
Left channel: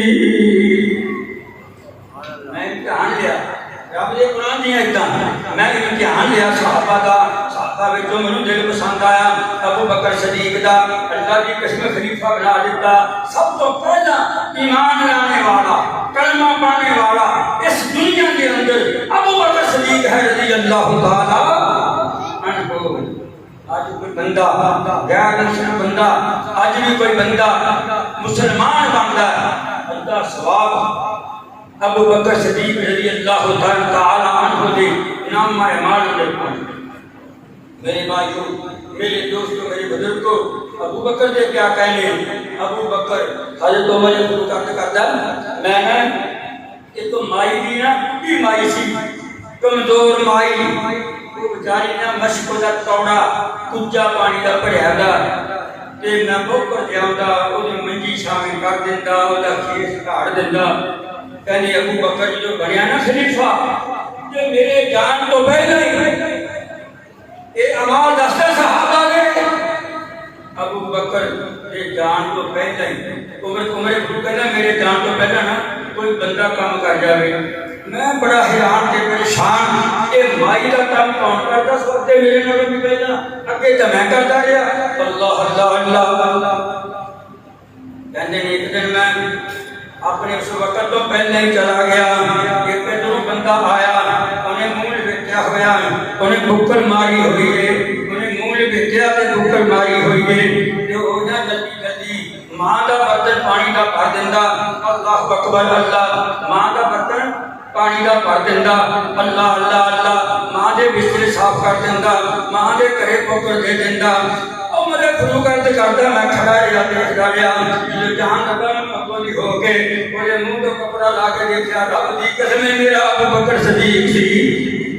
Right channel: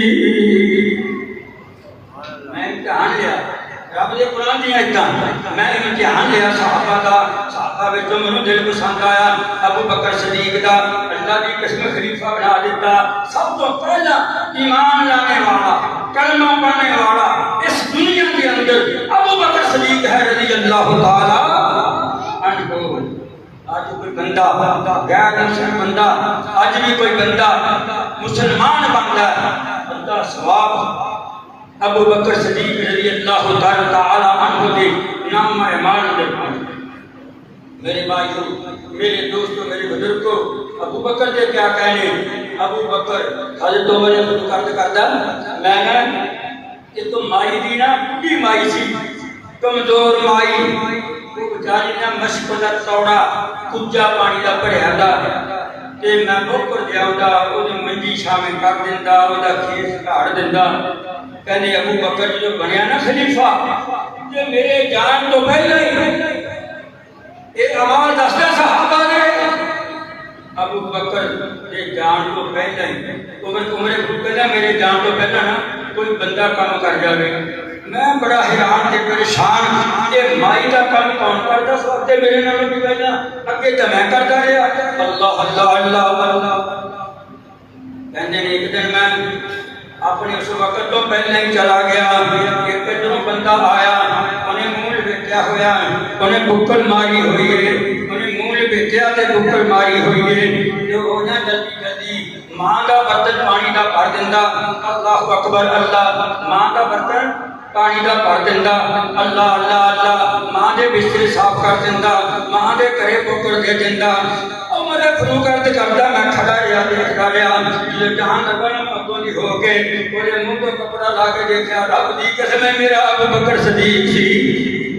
خلیفہ بنا دیتا. سب تو پہلا ایمان لانے والا, کلمہ پڑھنے والا اس دنیا کے اندر ابو بکر صدیق ہے رضی اللہ تعالی عنہ. آج کوئی بندہ غیر مسلم بندہ, آج بھی کوئی بندہ مسلمان بن رہا ہے, اللہ ثواب ابو بکر صدیق رضی اللہ تعالی عنہ دے نام اعمال میں پہنچے. میرے بھائیوں, میرے دوستوں, میرے بزرگوں, ابو بکر کے کیا کہنے. ابو بکر حضرت عمر نے شروع کرتا میں نے یہ تو مائی دی نا, بڑھی مائی سی, کمزور مائی, وہ بیچاری نے مشکلت توڑا کجا پانی کا بھریا تھا تے میں بکر جاؤں وہ منجی شامل کر دینا, وہ کھیس کاڑ دینا. کہنے ابو بکر جو بنیا نا خلیفہ, کہ میرے جان تو پہلے ہی یہ آواز دستا صحابہ نے ابو بکر یہ جان تو پہلے ہی عمر کہنا میرے جان تو پہلے نا کوئی بندہ کام کر جائے. میں بڑا حیران تے پریشان, یہ مائی کا کام کون کرتا سوتے میرے نال بھی پہلے اگے تو میں کرتا رہا. اللہ اللہ اللہ اللہ کہنے ایک دن میں اپنے اس وقت تو پہلے ہی چلا گیا. ایک دن بندہ آیا, انہیں منہ لپٹیا ہوا, انہیں بکل ماری ہوئی ہے, انہیں منہ لپٹیا تے بکل ماری ہوئی ہے. جو ہو جائے جلدی جلدی ماں کا برتن پانی کا بھر دینا. اللہ اکبر اللہ, ماں کا برتن پانی کا بھر دینا. اللہ اللہ اللہ, ماں دے بستر صاف کر دینا, ماں دے گھرے پکڑ دے دینا. اور میرے فلو کرتے کرتا میں کھڑا رہا دیکھتا رہا. جو جہاں لگا نا مقبولی ہو کے میرے منہ کو کپڑا لا کے دیکھا, رب دی قسم میرا ابو بکر صدیق سی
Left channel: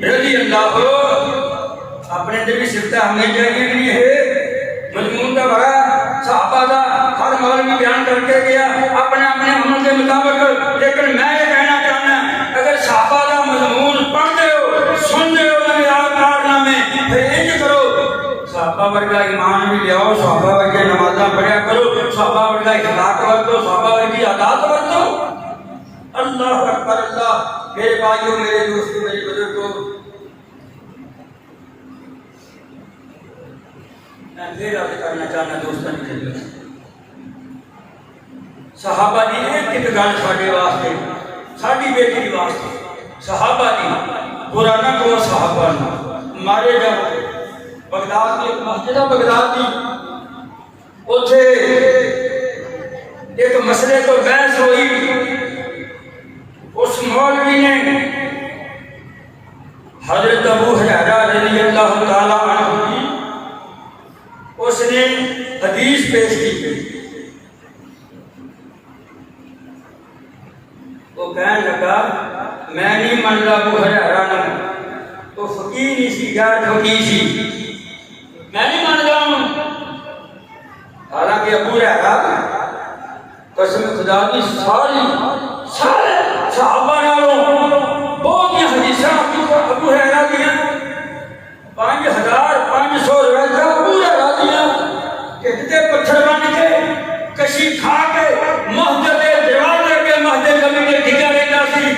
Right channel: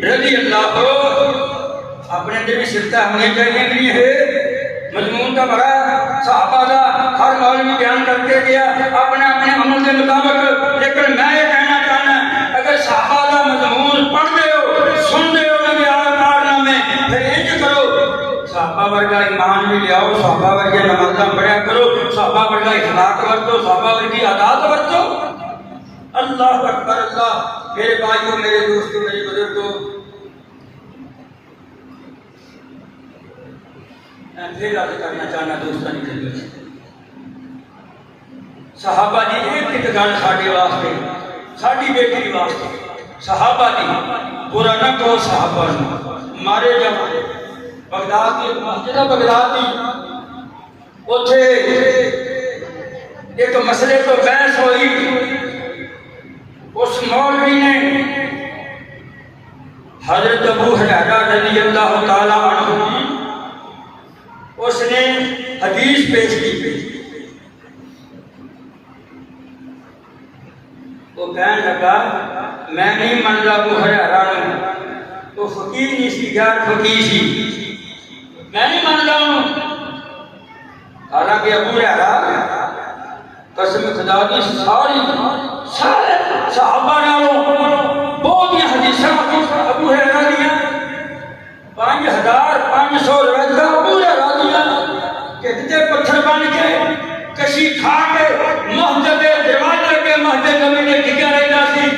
رضی اللہ عنہ. اپنے دے بھی سرتا ہمیں چاہیے نہیں ہے. مضمون کا بڑا صحابہ دا ہر مولوی بیان کر کے گیا اپنے اپنے عمل کے مطابق. لیکن میں یہ کہنا چاہنا, اگر صحابہ دا مضمون پڑھتے ہو سنتے ہو نبی کارنامے, پھر انج کرو صحابہ ورگا ایمان بھی لیاؤ, صحابہ ورگا نمازاں پڑھیا کرو, صحابہ ورگا اخلاق ورتو, صحابہ ورگی عادات ورتو. اللہ اکبر اللہ. میرے بھائیوں, میرے دوستوں, میرے بزرگوں, میں پھر عرض کرنا چاہنا دوستوں کی خدمت, صحابہ دی ایک ایک گل ساڈے واسطے, ساڈی بیٹی واسطے, صحابہ دی برا نہ کرو. صحابہ نو مارے جاؤ. بغداد کی ایک مسجد ہے, بغداد کی, اتھے ایک مسئلے تو بحث ہوئی. اس مولوی نے حضرت ابو ہریرہ رضی اللہ تعالی عنہ کی اس نے حدیث پیش کی. وہ کہنے لگا میں نہیں منتا ابو ہریرہ نے, تو فقیر نہیں سی, غیر فقیر سی, میں نہیں مانتا ہوں. حالانکہ ابو ہریرہ قسم خدا کی سارے صحابہ نالوں بہت ہی حدیثاں ابو ہریرہ دیا 5500 روایت ابو ہریرہ دیا کہتے پتھر بن کے کشی کھا کے مسجد دروازے کے مسجد کمیٹے ٹھیکا رہتا سی.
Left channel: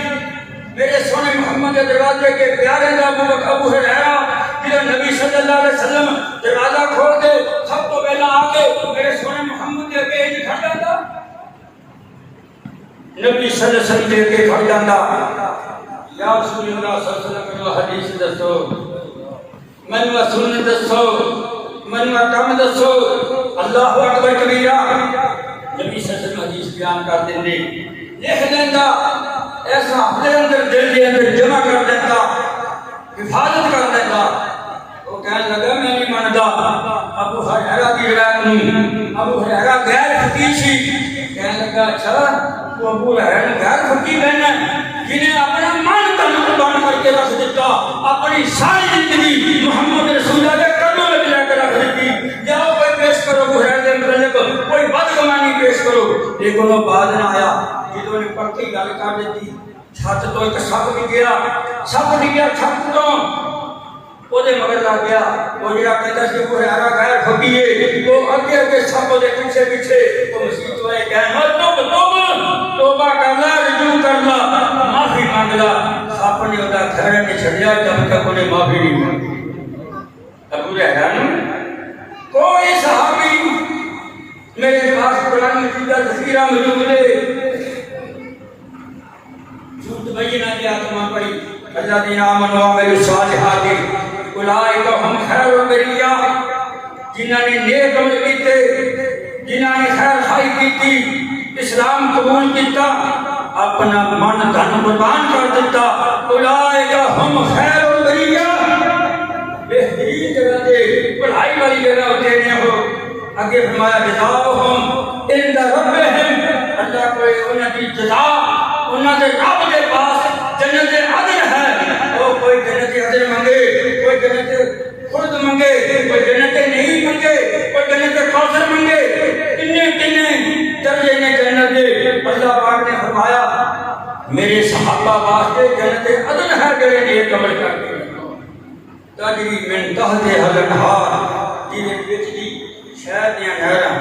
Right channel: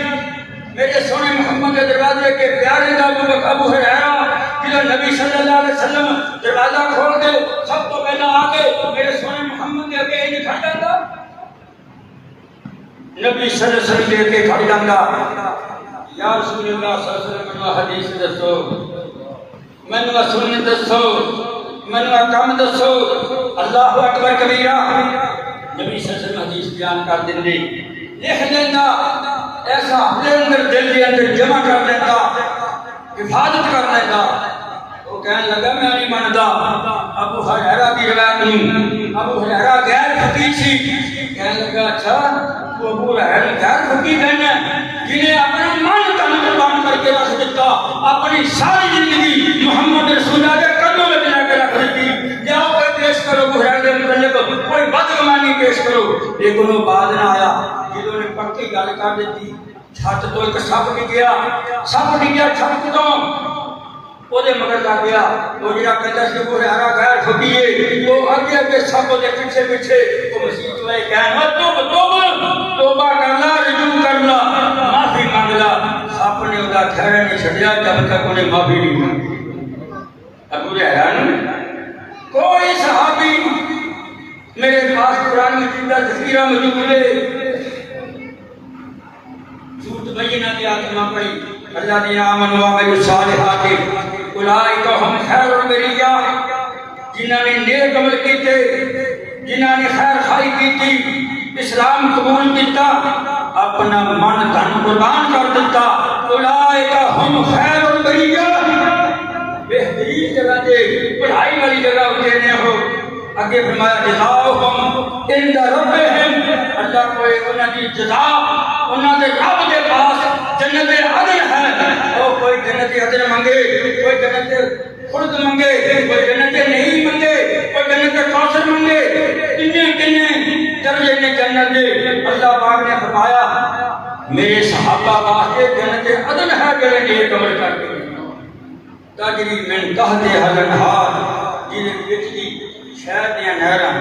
میرے سونے محمد دروازے کے پیارے دا ابو ہریرہ جب نبی صلی اللہ علیہ وسلم دروازہ کھول کے سب تو پہلا آ کے میرے سونے محمد کے اگے ہی کھڑ جاتا. نبی صلی اللہ علیہ وسلم کے اگے کھڑ جاتا, یا رسول اللہ صلی اللہ علیہ وسلم حدیث دسو, منو سنت دسو, منو کم دسو. اللہ اکبر کبیرہ. نبی صلی اللہ علیہ وسلم حدیث بیان کر دیں, لکھ دینا, ایسا اپنے اندر دل کے اندر جمع کر دینا, حفاظت کر دینا. وہ کہنے لگا میں نہیں مانتا ابو ہریرہ کی روایت نہیں. ابو ہریرہ غیر فقیر سی. کہنے لگا اچھا وہ ابو ہریرہ غیر فقیر کہنا جنہیں اپنے من تن قربان کر کے رکھ دیتا, اپنی ساری زندگی محمد رسول اللہ کے قدموں میں لے کے رکھ دیتی. جاؤ کوئی پیش کرو ابو ہریرہ کے متعلق کوئی بدگمانی پیش کرو. لیکن وہ بعد نہ آیا. جنہوں نے پکی گل کر دیتی, چھت تو ایک سپ ڈگیا, سپ ڈگیا چھت تو وہ مگر لگ گیا. وہ جڑا کہتا سی ابو ہریرہ غیر فقیر ہے, وہ اگے اگے سپ دے پیچھے پیچھے وہ مسیح والے کہنا توبہ کرنا, رجوع کرنا, معافی مانگلا. سپ نے وہ گھر نہیں چھڑیا جب تک انہیں معافی نہیں مانگی. ابو ہریرہ نے کوئی صحابی میرے پاس قرآن مجید کا ذخیرہ موجود ہے. جھوٹ بینہ کی آتما پڑی الذین آمنوا وعملوا الصالحات اولئک هم خیر البریہ. جنہوں نے نیک عمل کیتے، جنہوں نے خیر خائی کی، اسلام قبول کیتا، اپنا من دھن قربان کر دیتا، اولئک هم خیر البریہ. بہترین جگہ دے پڑھائی والی جگہ ہوتے ہیں ہو. اگے فرمایا جزاؤہم عند ربہم، اللہ کوئی انہاں دی جزا انہاں دے رب کے پاس جنت عدن ہے. اور کوئی جنت عدن مانگے، کوئی جنت خلد مانگے، کوئی جنت نہیں مانگے، کوئی جنت کوثر مانگے. کنے درجے نے جنت دے. اللہ پاک نے فرمایا میرے صحابہ واسطے جنت عدن ہے جڑے نیک عمل کرتے ہیں. تجری من تحتہا الانہار، جنہیں بچتی شہر دیا نہراں،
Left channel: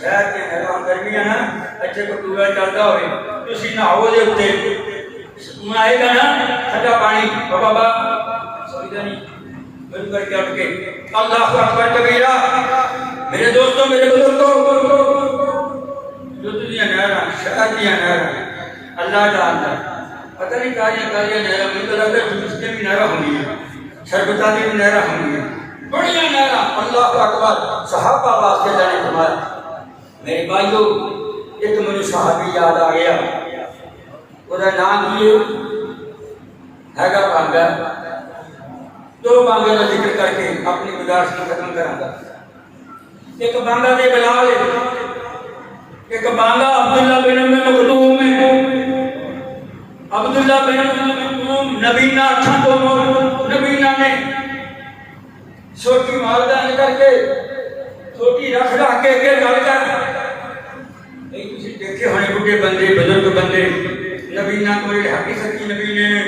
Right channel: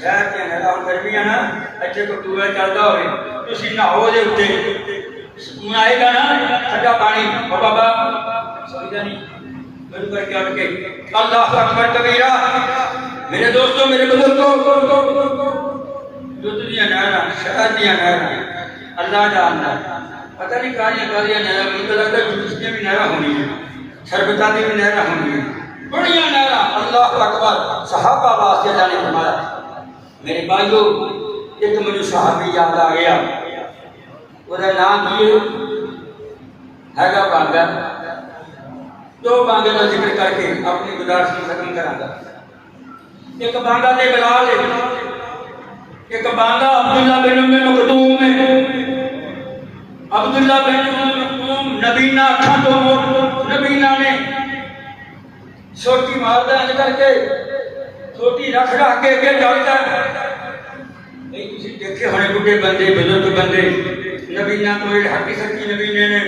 شہر دیا نہراں گرمیاں نا اچھے کو ٹوبا چلتا ہوئے تسی نہاؤ دے اتے سکون آئے گا نا ٹھنڈا پانی. بابا سوچتا نہیں بند کر کے اٹھ کے اللہ اکبر کبیرہ. میرے دوستوں، میرے بزرگوں، جو دنیا نہراں شہر دیا نہراں اللہ جانتا ہے. پتہ نہیں کاریاں نہراں مجھے تو لگتا ہے دوسرے بھی نہراں ہونی ہے، شربتا دی بھی نہراں ہونی ہے، بڑیاں نہراں. اللہ اکبر. صحابہ واسطے اللہ نے فرمایا. میرے بھائیو ایک مجھے صحابی یاد آ گیا، وہ نام یہ ہیگا بانگا. دو بانگے کا ذکر کر کے اپنی گزارش کو ختم کرا گا. ایک بانگا دے بلال ہے، ایک بانگا عبداللہ بن ام مکتوم ہے. عبداللہ بن ام مکتوم نبینا اکھاں تو نبینا نے چھوٹی ماردہ کر کے چھوٹی رکھ کے گل کر تسی دیکھے ہونے بڑے بندے بزرگ بندے نبینا کوئی حقی سچی نبینے نے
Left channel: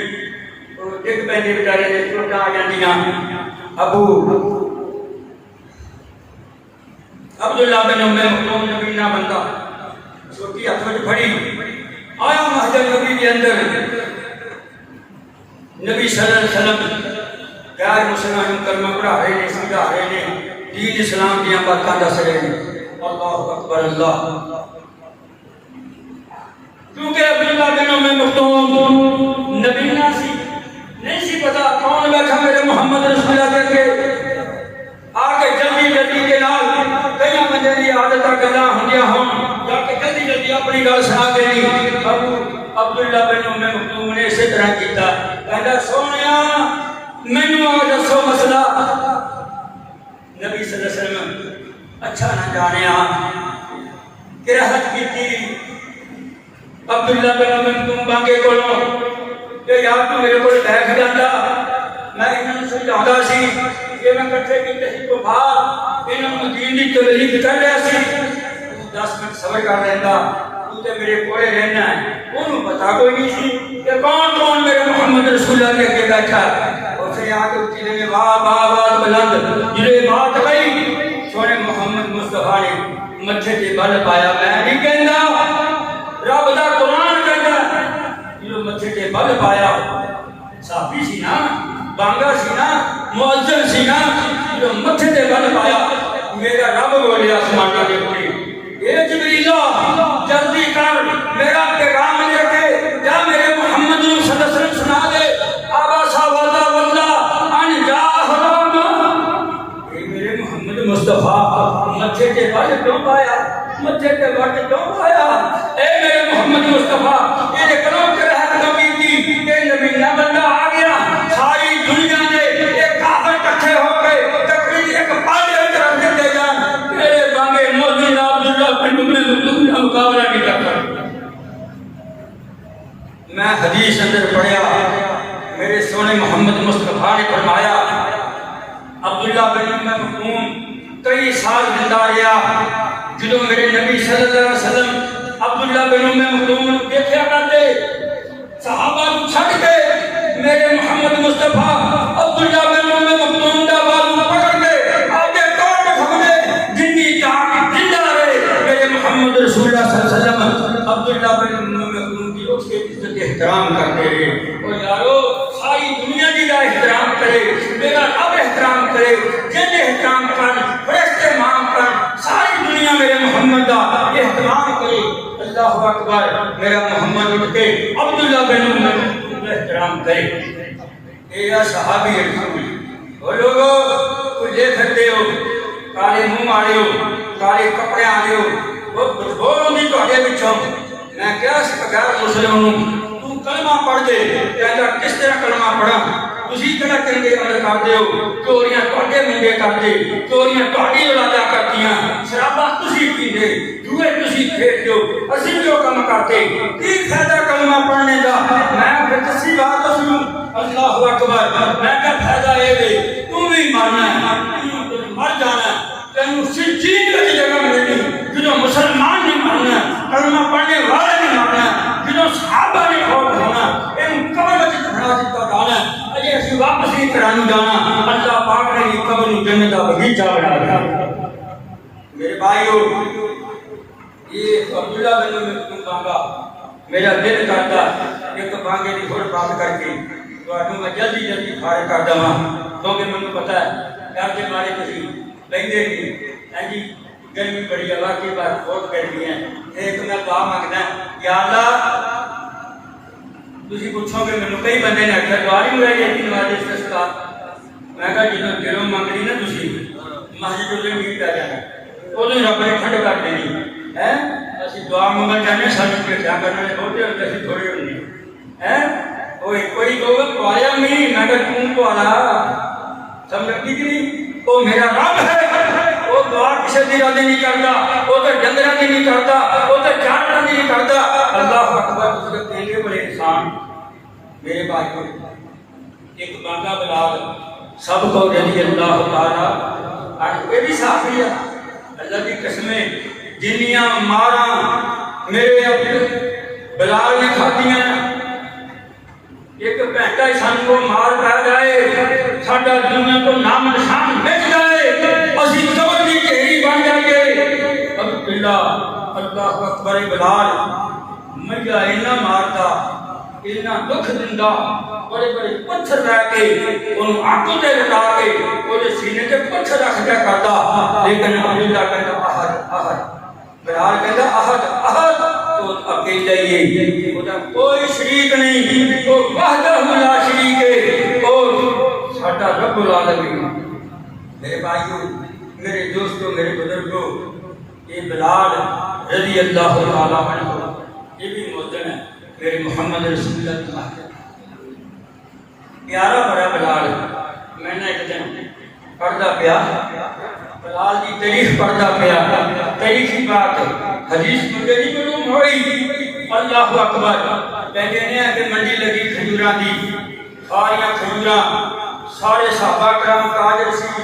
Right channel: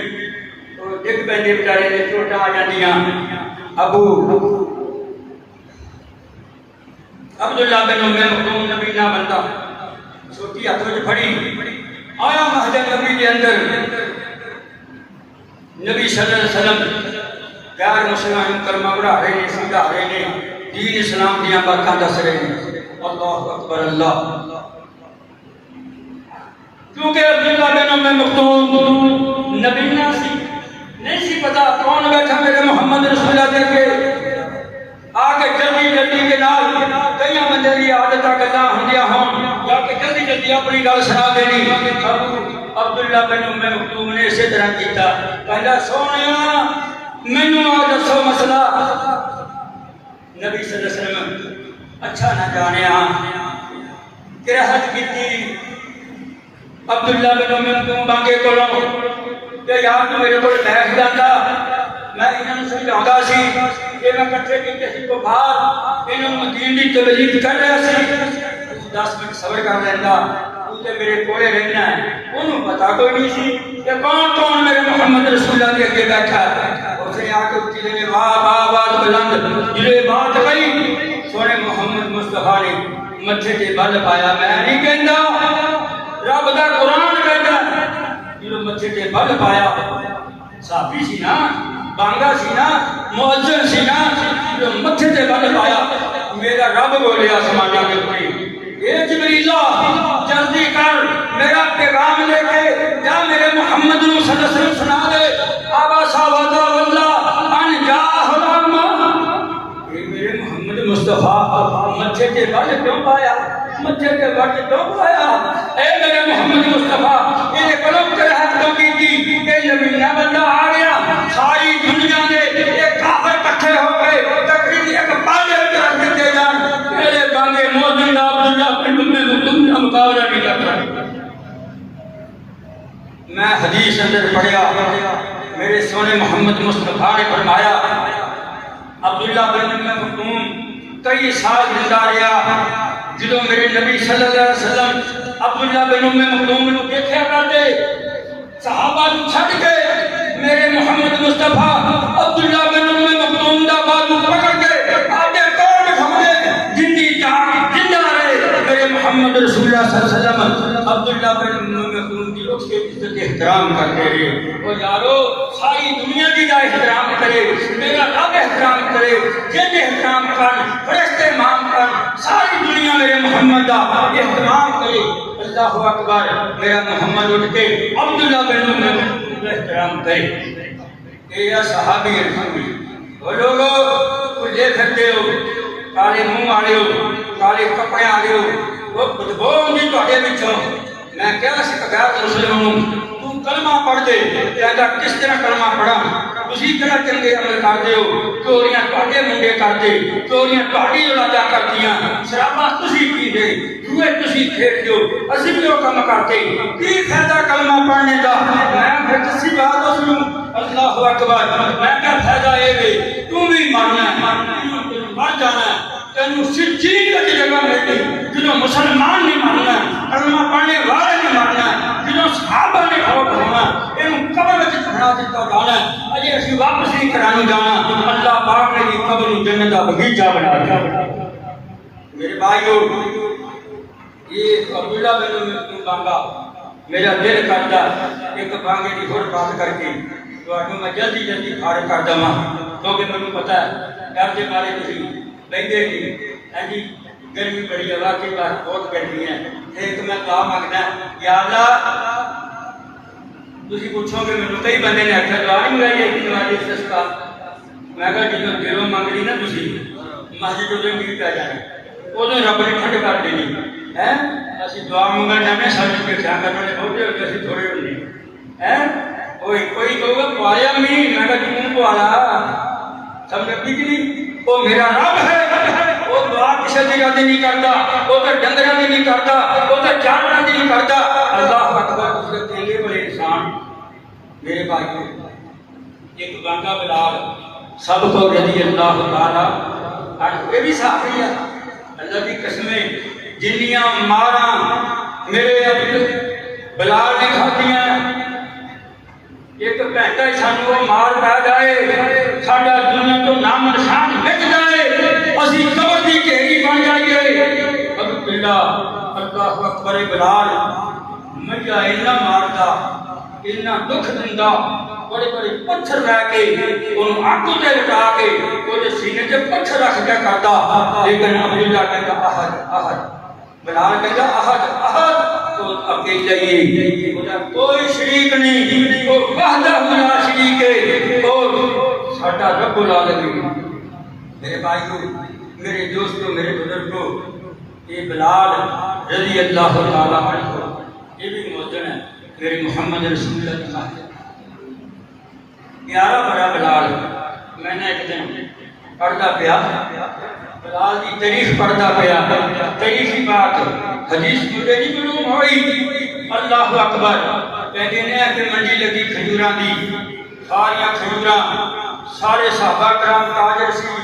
ایک بندے بیچارے نے چھوٹا آ جاندیاں. ابو عبداللہ بن ام مکتوم نبینا بندہ چھوٹی ہاتھ میں پھڑی آیا محجر نبی کے اندر. نبی صلی اللہ علیہ وسلم پیار مسلمان کلمہ پڑھا رہے نے، سمجھا رہے نے، دین اسلام دیا باتاں دس رہے ہیں. اللہ اکبر اللہ. کیونکہ عبداللہ بن ام مکتوم نبینا سی، نہیں سی پتا کون بیٹھا میرے محمد رسول اللہ دیکھ کے آکے جلدی کے نال کئی بندے دی عادتہ گلاں ہوندیاں ہون تاکہ جلدی اپنی گل سنا دینی. عبداللہ بن ام مکتوم نے اسی طرح کیتا. کہندا سونیا مینوں آ دسو مسئلہ. نبی صلی اللہ علیہ وسلم اچھا نہ جانیا کرہت کیتی. عبداللہ بن ام مکتوم بانگے کولوں کہ یار تو میرے کول بیٹھ جاندا، میں انہاں نوں سمجھاوندا سی کہ میں کٹھے کیتے سی تو بھا انہاں دین دی تبلیغ کر رہا سی. 10 منٹ صبر کر رہندا، تو تے میرے کولے رہنا ہے. انہوں پتا کوئی نہیں سی کہ کون میرے محمد رسول اللہ کے اگے بیٹھا ہے. اسے آ کے اٹھی نے واہ واہ واہ بلند جڑے بات کہی سونے محمد مصطفیٰ نے متھے تے بل پایا. میں نہیں کہندا، رب دا قرآن کہندا جڑے متھے تے بل پایا. صحابی سی نا، بانگا سی نا، مؤذن سی نا، جڑے متھے تے بل پایا. میرا رب بولے آسماناں دے اوپر اے جبریلا جلدی کر میرا پیغام لے کے جا میرے محمد صلی اللہ علیہ وسلم سنا دے. آبا صاحبہ واللہ ان جا حرام. اے میرے محمد مصطفیٰ متھے تے بل کیوں پایا؟ متھے تے بل کیوں پایا؟ اے میرے محمد مصطفیٰ یہ کلام کر رہا تو کی کہ نبی نہ بندہ آ گیا. ساری دنیا نے ایک کافر اکٹھے ہو کے تقریر ایک پالے میں رکھ دے جان. میرے بانگے موجود عبداللہ بن ام مکتوم کا مقابلہ نہیں کرتا. میں حدیث اندر پڑھیا میرے سونے محمد مصطفیٰ نے فرمایا عبداللہ بن ام مکتوم کئی سال زندہ رہا. جدو میرے نبی صلی اللہ علیہ وسلم عبداللہ بن ام مکتوم نے دیکھا کرتے صحابہ کو چھڑ کے میرے محمد مصطفیٰ عبداللہ بن ام مکتوم دا بالو پکڑ کے آگے توڑ کھولے جنی تاک زندہ رہے. میرے محمد رسول اللہ صلی اللہ علیہ وسلم عبداللہ بن ام مکتوم کی اس کے عزت احترام کرتے رہے. اور یارو ساری دنیا کی دا احترام کرے، میرا رب احترام کرے. جن احترام کر فرشتے مان کر ساری ساری دنیا میرے محمد کا احترام کرے. اللہ اکبر. میرا محمد اٹھ کے عبداللہ بن عمر کا احترام کرے. یہ صحابی رسول. وہ لوگوں کچھ دیکھ سکتے ہو کالے منہ والے ہو, کالے کپڑے والے ہو, وہ بدبو آتی تھوڑے پچھوں. میں کیا غیر مسلم ہوں, تم کلمہ پڑھ دے. کہتا کس طرح کلمہ پڑھا؟ تسی طرح چنگے عمل کرتے ہو, چوریاں تھوڑے منڈے کرتے, چوریاں تھوڑی اولاداں کردیاں, شراباں تسی پیندے, جوئے تسی کھیڈتے ہو, اسی جو کم کرتے. کی فائدہ کلمہ پڑھنے دا؟ میں پھر کسی بات اس نوں اللہ اکبر. میں کیا فائدہ یہ وے تم بھی مرنا ہے, مر جانا ہے, تینوں سجین کی جگہ ملنی. جدوں مسلمان نہیں مرنا, کلمہ پڑھنے والے نہیں مرنا, جدوں صحابہ نے فوت ہونا, یہ قبر وچ دفنا دتا جانا. اجے اسی واپس نہیں کرانے جانا. اللہ پاک نے یہ قبر جنت کا باغیچہ بنا دیا. میرے بھائیو, یہ عبداللہ بن عمر بانگا میرا دل کرتا ایک بانگے کی ہور بات کر کے تھانوں میں جلدی جلدی فارغ کر دواں, کیونکہ مینوں پتہ ہے ڈر کے مارے تسی بیٹھے نہیں. ہاں جی, گرمی بڑی ہے, واقعی بات بہت گرمی ہے. ایک میں دعا مانگنا ہے, یا اللہ تسی پوچھو گے مینوں کئی بندے نے آخیا دعا نہیں ہوئی ہے کہ تمہاری استسقا. میں کہا جدوں دلوں منگنی نا تسی مسجد وچ میٹ آ جانا, ادوں رب نے ٹھنڈ کر دینی ہے. اسی دعا منگن جانے ساری بھیٹا کرنے بہتے ہوتے اسی تھوڑے ہونے ہیں. کوئی کہو گا پایا نہیں, میں کہا تم پوالا سمجھ لگتی کہ نہیں. وہ میرا رب ہے, وہ دعا کسی کی رد نہیں کرتا, وہ تو ڈنگراں کی نہیں کرتا, وہ تو جانوراں کی نہیں کرتا. اللہ اکبر. اس کے تینگے بڑے انسان. میرے بھائی کو ایک بانگا بلال سب کو رضی اللہ تعالیٰ عنہ, یہ بھی صحابی ہے. اللہ کی قسمیں جنیاں ماراں میرے بلال نے کھادیاں, ایک گھنٹہ سانوں وہ مار پا جائے, ساڈا دنیا تو نام نشان مٹ جائے, اسی قبر دی ڈھیری بن جائیے. اللہ اکبر. بلال مجھا اینا مارتا, اینا دکھ دندا, بڑے بڑے پتھر رہ کے انہوں آنکھوں تے لٹا کے وہ سینے تے پتھر رکھ کے کرتا. لیکن عبداللہ کہتا احد احد. بلال کہتا احد احد. تو اکیلا ہی, کوئی شریک نہیں, وہ وحدہ لا شریک ہے, اور ساڈا رب العالمین. میرے بھائیو, میرے دوستو, میرے بزرگو, یہ بلال رضی اللہ تعالیٰ عنہ یہ بھی مؤذن ہے میرے محمد رسول اللہ. پیارا بڑا بلال. میں نے ایک دن پڑھتا پیا بلال کی تاریخ پڑھتا پیا, تاریخی بات حدیث مجھے نہیں معلوم ہوئی. اللہ اکبر. کہتے ہیں کہ منڈی لگی کھجوراں دی, ساریاں کھجوراں, سارے صحابہ کرام حاضر سی,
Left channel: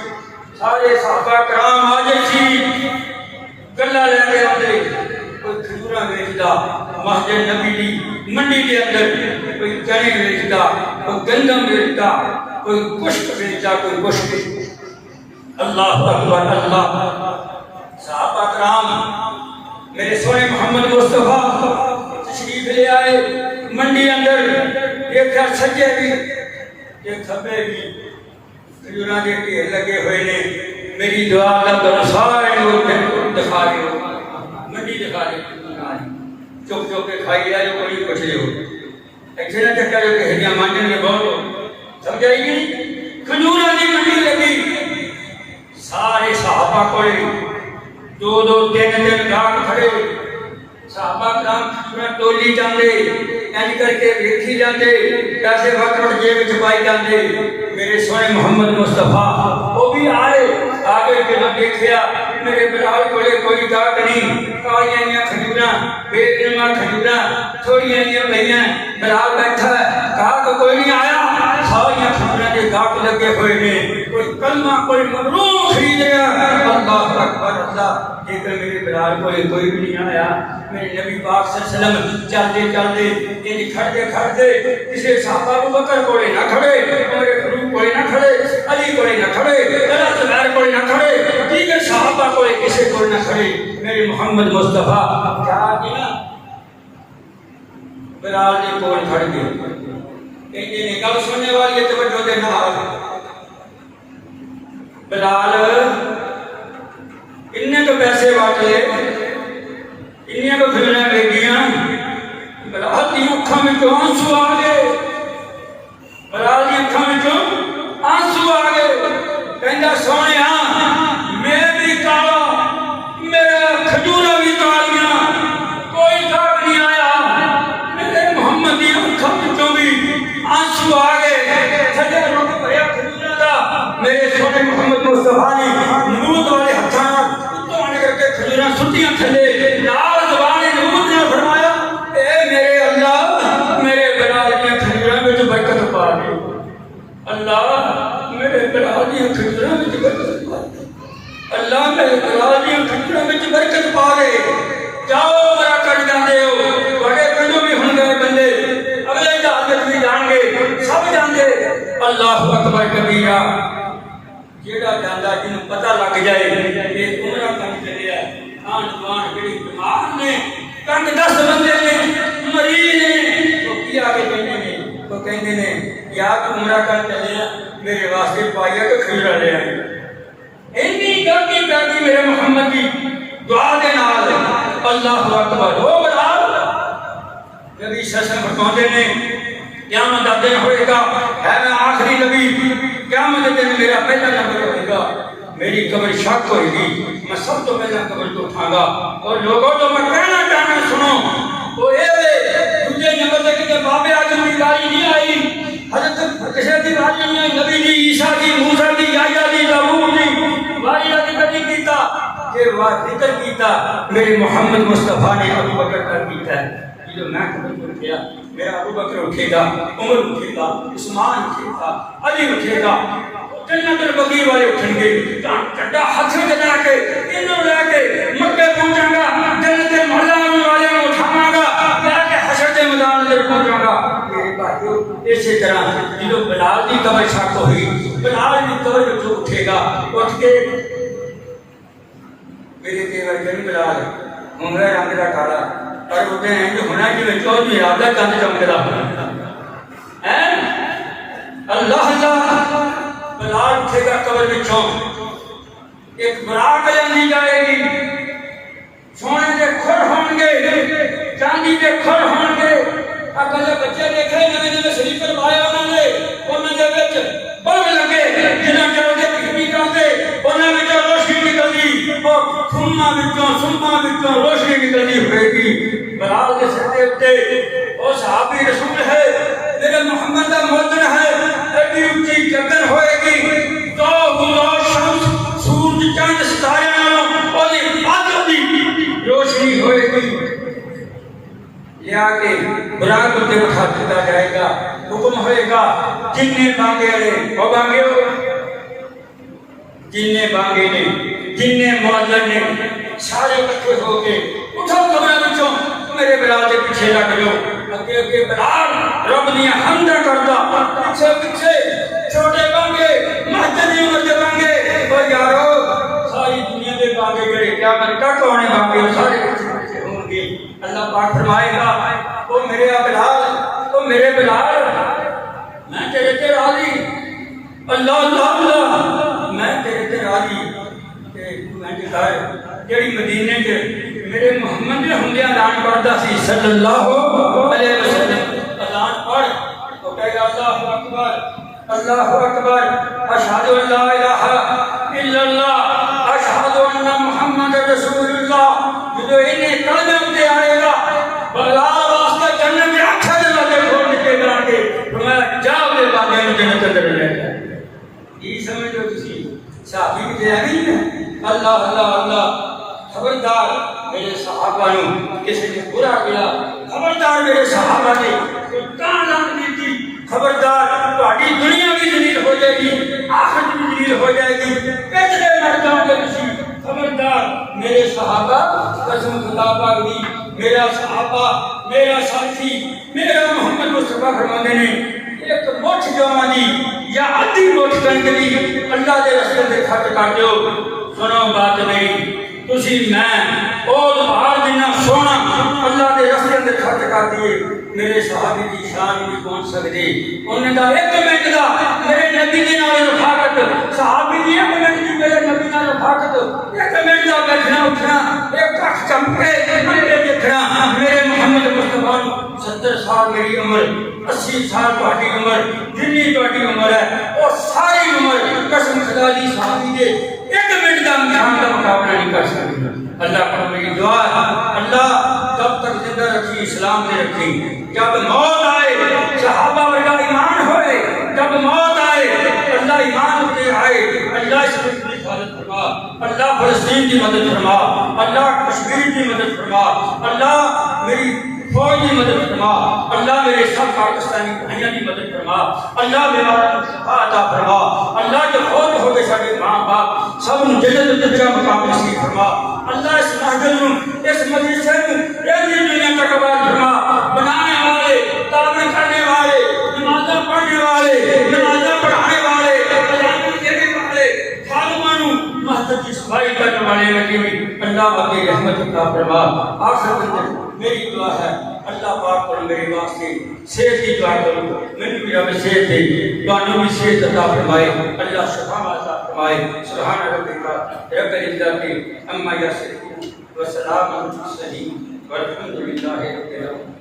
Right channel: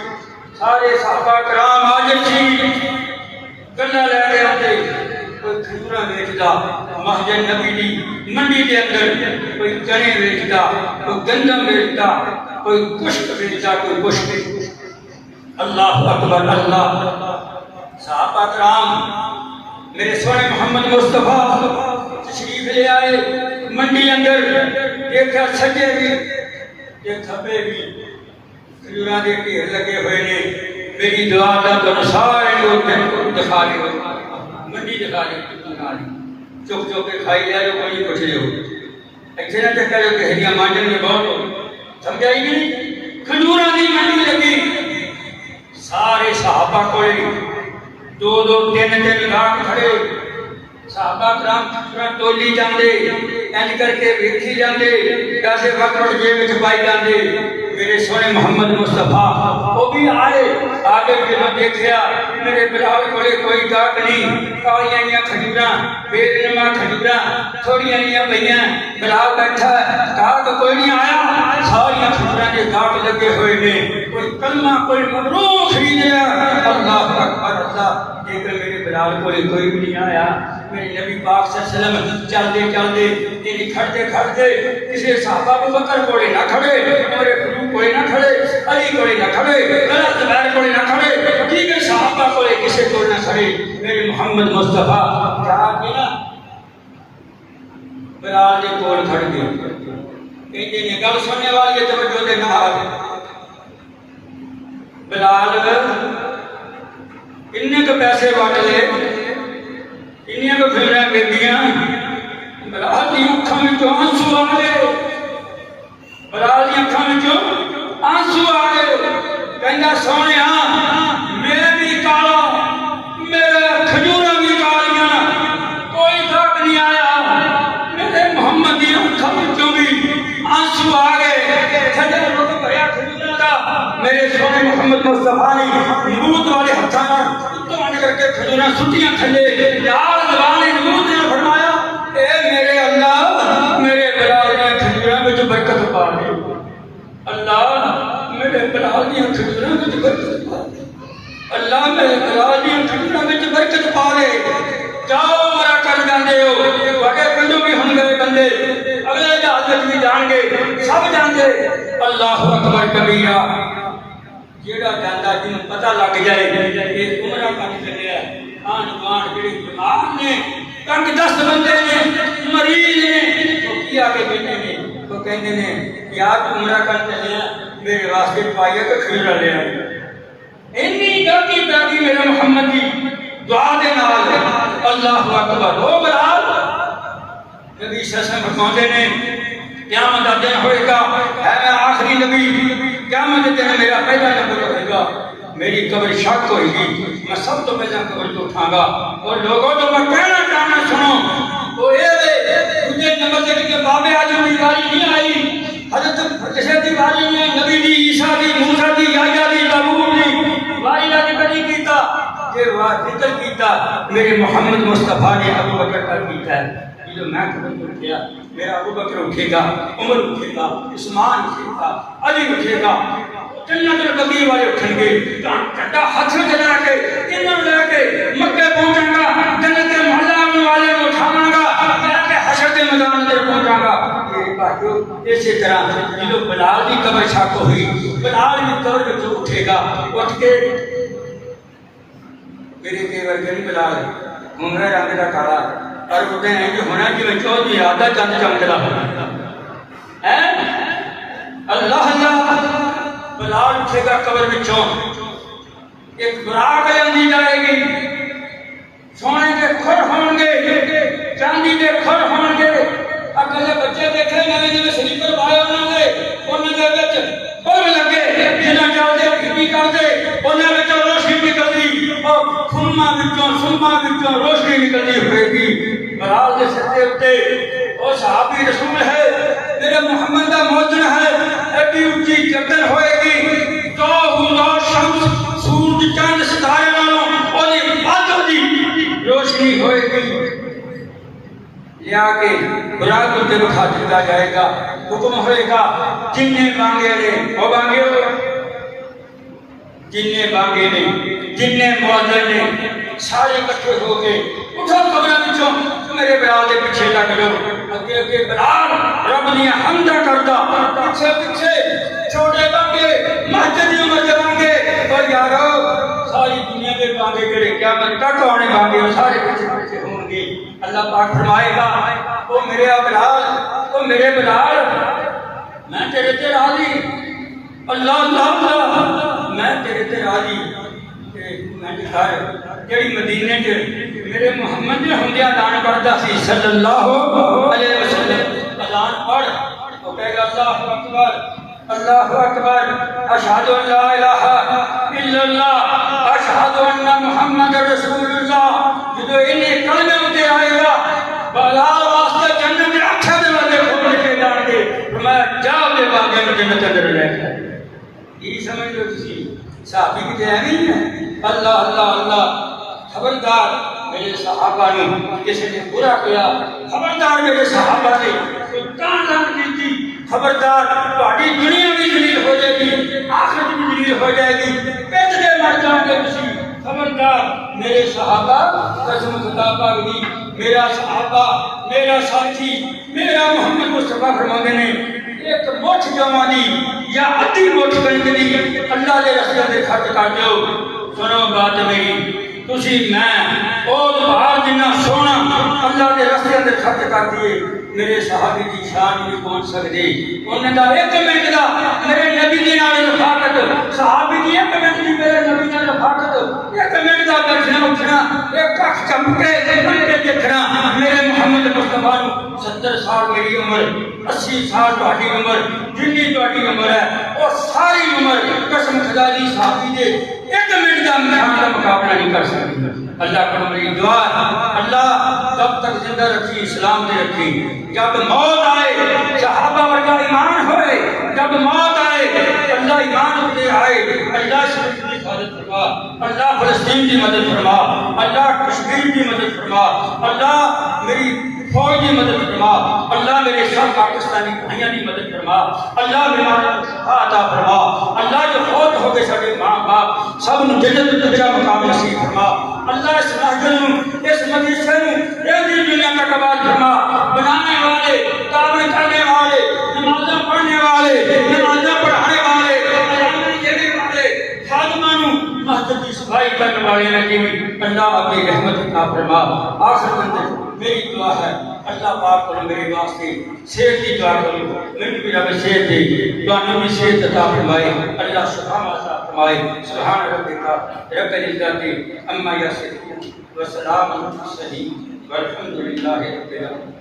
سارے صحابہ کرام حاضر سی. گلا لے کے آتے, کوئی کھجوراں بیچتا مسجد نبی دی منڈی کے اندر, کوئی کڑی بیچتا, کوئی گندم بیچتا, کوئی گوشت بیچتا, کوئی گوشت. اللہ اکبر. اللہ. صحابہ کرام میرے سونے محمد مصطفیٰ تشریف لے آئے منڈی اندر. دیکھا سجے بھی یہ کھبے بھی کھجوراں دے ڈھیر لگے ہوئے نے. میری دعا دا در سارے لوگ دکھا رہے ہو, منڈی دکھا رہے ہو, چوک چوک کے کھائی لیا جو کوئی پچھ رہے ہو. ایسے نہ چکا جو کہڑیاں مانڈن میں بہت سمجھائی گی. کھجوراں دی منڈی لگی, سارے صحابہ کوئی دو دو تین تین گاہک کھڑے. صحابہ کرام کھجوراں تولی جاندے, انج کر کے ویکھی جاندے, پیسے وکڑ جیب وچ پائی جاندے. میرے سونے محمد مصطفیٰ وہ بھی آئے, آگے جب دیکھیا میرے بلال کولے کوئی گاہک نہیں, کالیاں کھجوراں, بے نما کھجوراں تھوڑیاں پئیاں, بلال بیٹھا ہے, گاہک کوئی نہیں آیا. ساریاں کھجوراں دے گاہک لگے ہوئے نے, کوئی کلمہ کوئی مبروک خرید رہا. اللہ اکبر. اللہ. لیکن میرے بلال کوئی بھی نہیں آیا. میرے نبی پاک صلی اللہ علیہ وسلم چلتے چلتے یعنی کھڑتے کھڑتے کسی صحابہ ابو بکر کولے نہ کھڑے, عمر فاروق کولے نہ کھڑے, علی کولے نہ کھڑے, حضرت زبیر کولے نہ کھڑے, دیگر صحابہ کولے کسی کولے نہ کھڑے. میرے محمد مصطفیٰ جا کے نا بلال دے کول کھڑ گئے. کہتے ہیں گل سننے والی توجہ دے نال بلال انہیں کو پیسے وٹ لے، انہیں کو فلمیں دیکھیاں، بلال دی اکھاں وچوں آنسو آ گئے، بلال دی اکھاں وچوں آنسو آ گئے، کہندا سونیا میں بھی کالا، میرا کھجوراں بھی کالیاں، کوئی فرق نہیں آیا، میرے محمد دی اکھاں وچوں بھی آنسو آ گئے، سجدہ رکھ بھریا کھجوراں دا، میرے سونے محمد مصطفیٰ نے نمود والے ہتھاں اتوان کر کے کھجوراں سٹیاں تھلے، لال زبان نمود نے فرمایا اے میرے اللہ میرے بلال دی کھجوراں وچ برکت پا دے، اللہ میرے بلال دی کھجوراں وچ برکت پا دے، اللہ میرے بلال دی کھجوراں وچ برکت پا دے، جاؤ میرا کر جاندے ہو، بڑے پنجو بھی ہون گے بندے، اگلے جہاز وچ بھی جان گے، سب جان گے، اللہ اکبر کبیرہ، جیڑا جاندا جنوں پتہ لگ جائے کہ عمرہ کر چلیا، آن بان جڑی بیمار نے، تنگ دست بندے نے، مریض نے، وہ کی آگے کہنے نے، وہ کہنے نے یا تو عمرہ کر چلیا میرے واسطے پائیا کہ کھجورا لے آئی، اتنی گاکی پیاکی میرے محمد کی دعا دے نال، اللہ اکبر، ہو بلال نبی صلی اللہ علیہ وسلم فرماتے نے قیامت کا دن ہوئے گا، ہے میں آخری نبی، قیامت کے دن میرا پہلا نمبر ہوئے گا، میری قبر شک ہوئے گی، میں سب تو پہلا قبر کو اٹھاں گا، اور لوگوں تو میں کہنا چاہنا سنو، تو اے دوسرے نمبر سے کہ بابے آدم کی باری نہیں آئی، حضرت عیسیٰ کی باری نہیں آئی، نبی دی، عیسیٰ دی، موسیٰ دی، یحییٰ دی، داؤد دی باری کا ذکر نہیں کیتا، یہ ذکر کیتا میرے محمد مصطفیٰ نے ابو بکر کا کیتا ہے، جو میں قبر پر کیا میرا ابو بکر اٹھے گا، عمر اٹھے گا، عثمان اٹھے گا، علی اٹھے گا، جنت البقیع والے اٹھیں گے، ڈنڈا ہاتھ میں لے کے انہوں لے کے مکے پہنچاں گا، جنت مرزان والے کو اٹھاواں گا، لے کے حشر کے میدان اندر پہنچاں گا، میرے بھائیو اسی طرح جو بلال کی قبر شک ہوئی، بلال بھی قبر میں اٹھے گا، اٹھ کے میرے دیور جن بلال عمرہ رنگ کا کالا اور ہوتے ہیں جو ہونا کی بچوں کی ارادہ چند چمکدا ہونا ہے، اللہ اللہ بلال اٹھے گا قبر وچوں، ایک براق جاندی جائے گی، سونے دے کھر ہون گے، چاندی دے کھر ہون گے، اگر بچے دیکھے نویں نویں سلیپر پائے انہاں دے وچ بلب لگے، جنہاں چلدے پھرتی کردے انہاں وچ روشنی نکلدی، اور خما وچوں سما وچوں روشنی نکلدی ہوئے گی، بلال کے سر دے اُتے وہ صحابی رسول ہے، میرے محمد کا مؤذن ہے، ایڈی اونچی چادر ہوئے گی، تو شمس سورج چاند ستارے نالوں اودی بادل دی روشنی ہوئے گی، لیا کے براق تے بٹھا دیا جائے گا، حکم ہوئے گا جننے بانگے والے وہ بانگے ہو، جننے بانگے نے جننے مؤذن نے سارے اکٹھے ہو کے اٹھو قبروں وچوں میرے بلال دے پیچھے لگ لو، اگے اگے بلال رب دیاں حمداں کردا، پیچھے پیچھے چھوٹے بانگے مسجد دی عمر دے بانگے، او یارو ساری دنیا دے بانگے کرے قیامت تک آنے بانگے سارے پیچھے پیچھے ہوں گے، اللہ پاک فرمائے گا او میرے بلال، او میرے بلال میں تیرے تے راضی، اللہ اللہ اللہ میں تیرے تے راضی، میں دکھائے جڑی مدینے کے میرے محمد نے ہمدے اذان پڑھتا سی صلی اللہ علیہ وسلم، اذان پڑھ تو کہے گا اللہ اکبر اللہ اکبر اشہد ان لا الہ الا اللہ اشہد ان محمد رسول اللہ، جو انہیں کلمے اتے آئے گا بلال واسطے جنت میں اکھے دے والے کھول کے جان کے فرمایا جاؤ دے باغے میں جنت اندر لے جائے، یہ سمجھ لو تسی صحابی کی نہیں ہے، اللہ اللہ اللہ خبردار میرے صحابہ نے کسی نے برا کیا، خبردار میرے صحابہ نے کان دیتی، خبردار تہاڈی دنیا بھی ذلیل ہو جائے گی، آخرت بھی ذلیل ہو جائے گی، پیچھے مر جاؤ گے تسی، خبردار میرے صحابہ قسم خدا پاک دی، میرا صحابہ میرا ساتھی میرا محمد مصطفیٰ فرماندے نے ایک مٹھ جوانی یا ادھی مٹھ کنک دی اللہ دے رستے دے خرچ کر دیو، سنو بات میری تسی میں اور بہار جنہ سونا اللہ دے رستے دے خرچ کر دیے، میرے صحابی کی شان بھی پہنچ سکتی، انہیں دا ایک منٹ دا میرے نبی دے نال رفاقت صحابی دی ایک منٹ دی میرے نبی نال رفاقت ایک منٹ دا بیٹھنا اٹھنا ایک اکھ چمکے بندے دیکھنا میرے محمد مصطفیٰ نو 70 سال میری عمر 80 سال تہاڈی عمر جنی تہاڈی عمر ہے اور ساری عمر قسم خدا دی صحابی دے ایک منٹ دا امتحان دا مقابلہ نہیں کر سکتے اللہ پر میری دعا اللہ جب تک زندہ رکھی اسلام میں رکھی جب موت آئے صحابہ ورگا ایمان ہوئے جب موت آئے اللہ ایمان ہوتے آئے اللہ اس ملک کی حفاظت فرما اللہ فلسطین کی مدد فرما اللہ کشمیر کی مدد فرما اللہ میری فوج کی مدد فرما اللہ میرے سب پاکستانی بھائیوں کی مدد فرما اللہ میرا شفا عطا فرما اللہ جو فوت ہو گئے سارے ماں باپ سب نو جنت اچھا مقام نصیب فرما اللہ اس محفل نو اس مدرسے نو ایک دن دنیا کا قبول فرما بنانے والے تعمیر کرنے والے نمازیں پڑھنے والے نمازیں پڑھانے والے بیان دینے والے خادمانوں مسجد کی صفائی کرنے والے نبی اللہ اپنی رحمت عطا فرما آخر میں میری دعا ہے اللہ پاک پر میرے واسطے صحت کی دعا کرو میں بھی جب صحت دے تو بھی صحت عطا فرمائے اللہ شفا عطا فرمائے سبحان ربک رب العزت عما یصفون وسلام علی المرسلین والحمد للہ رب العالمین.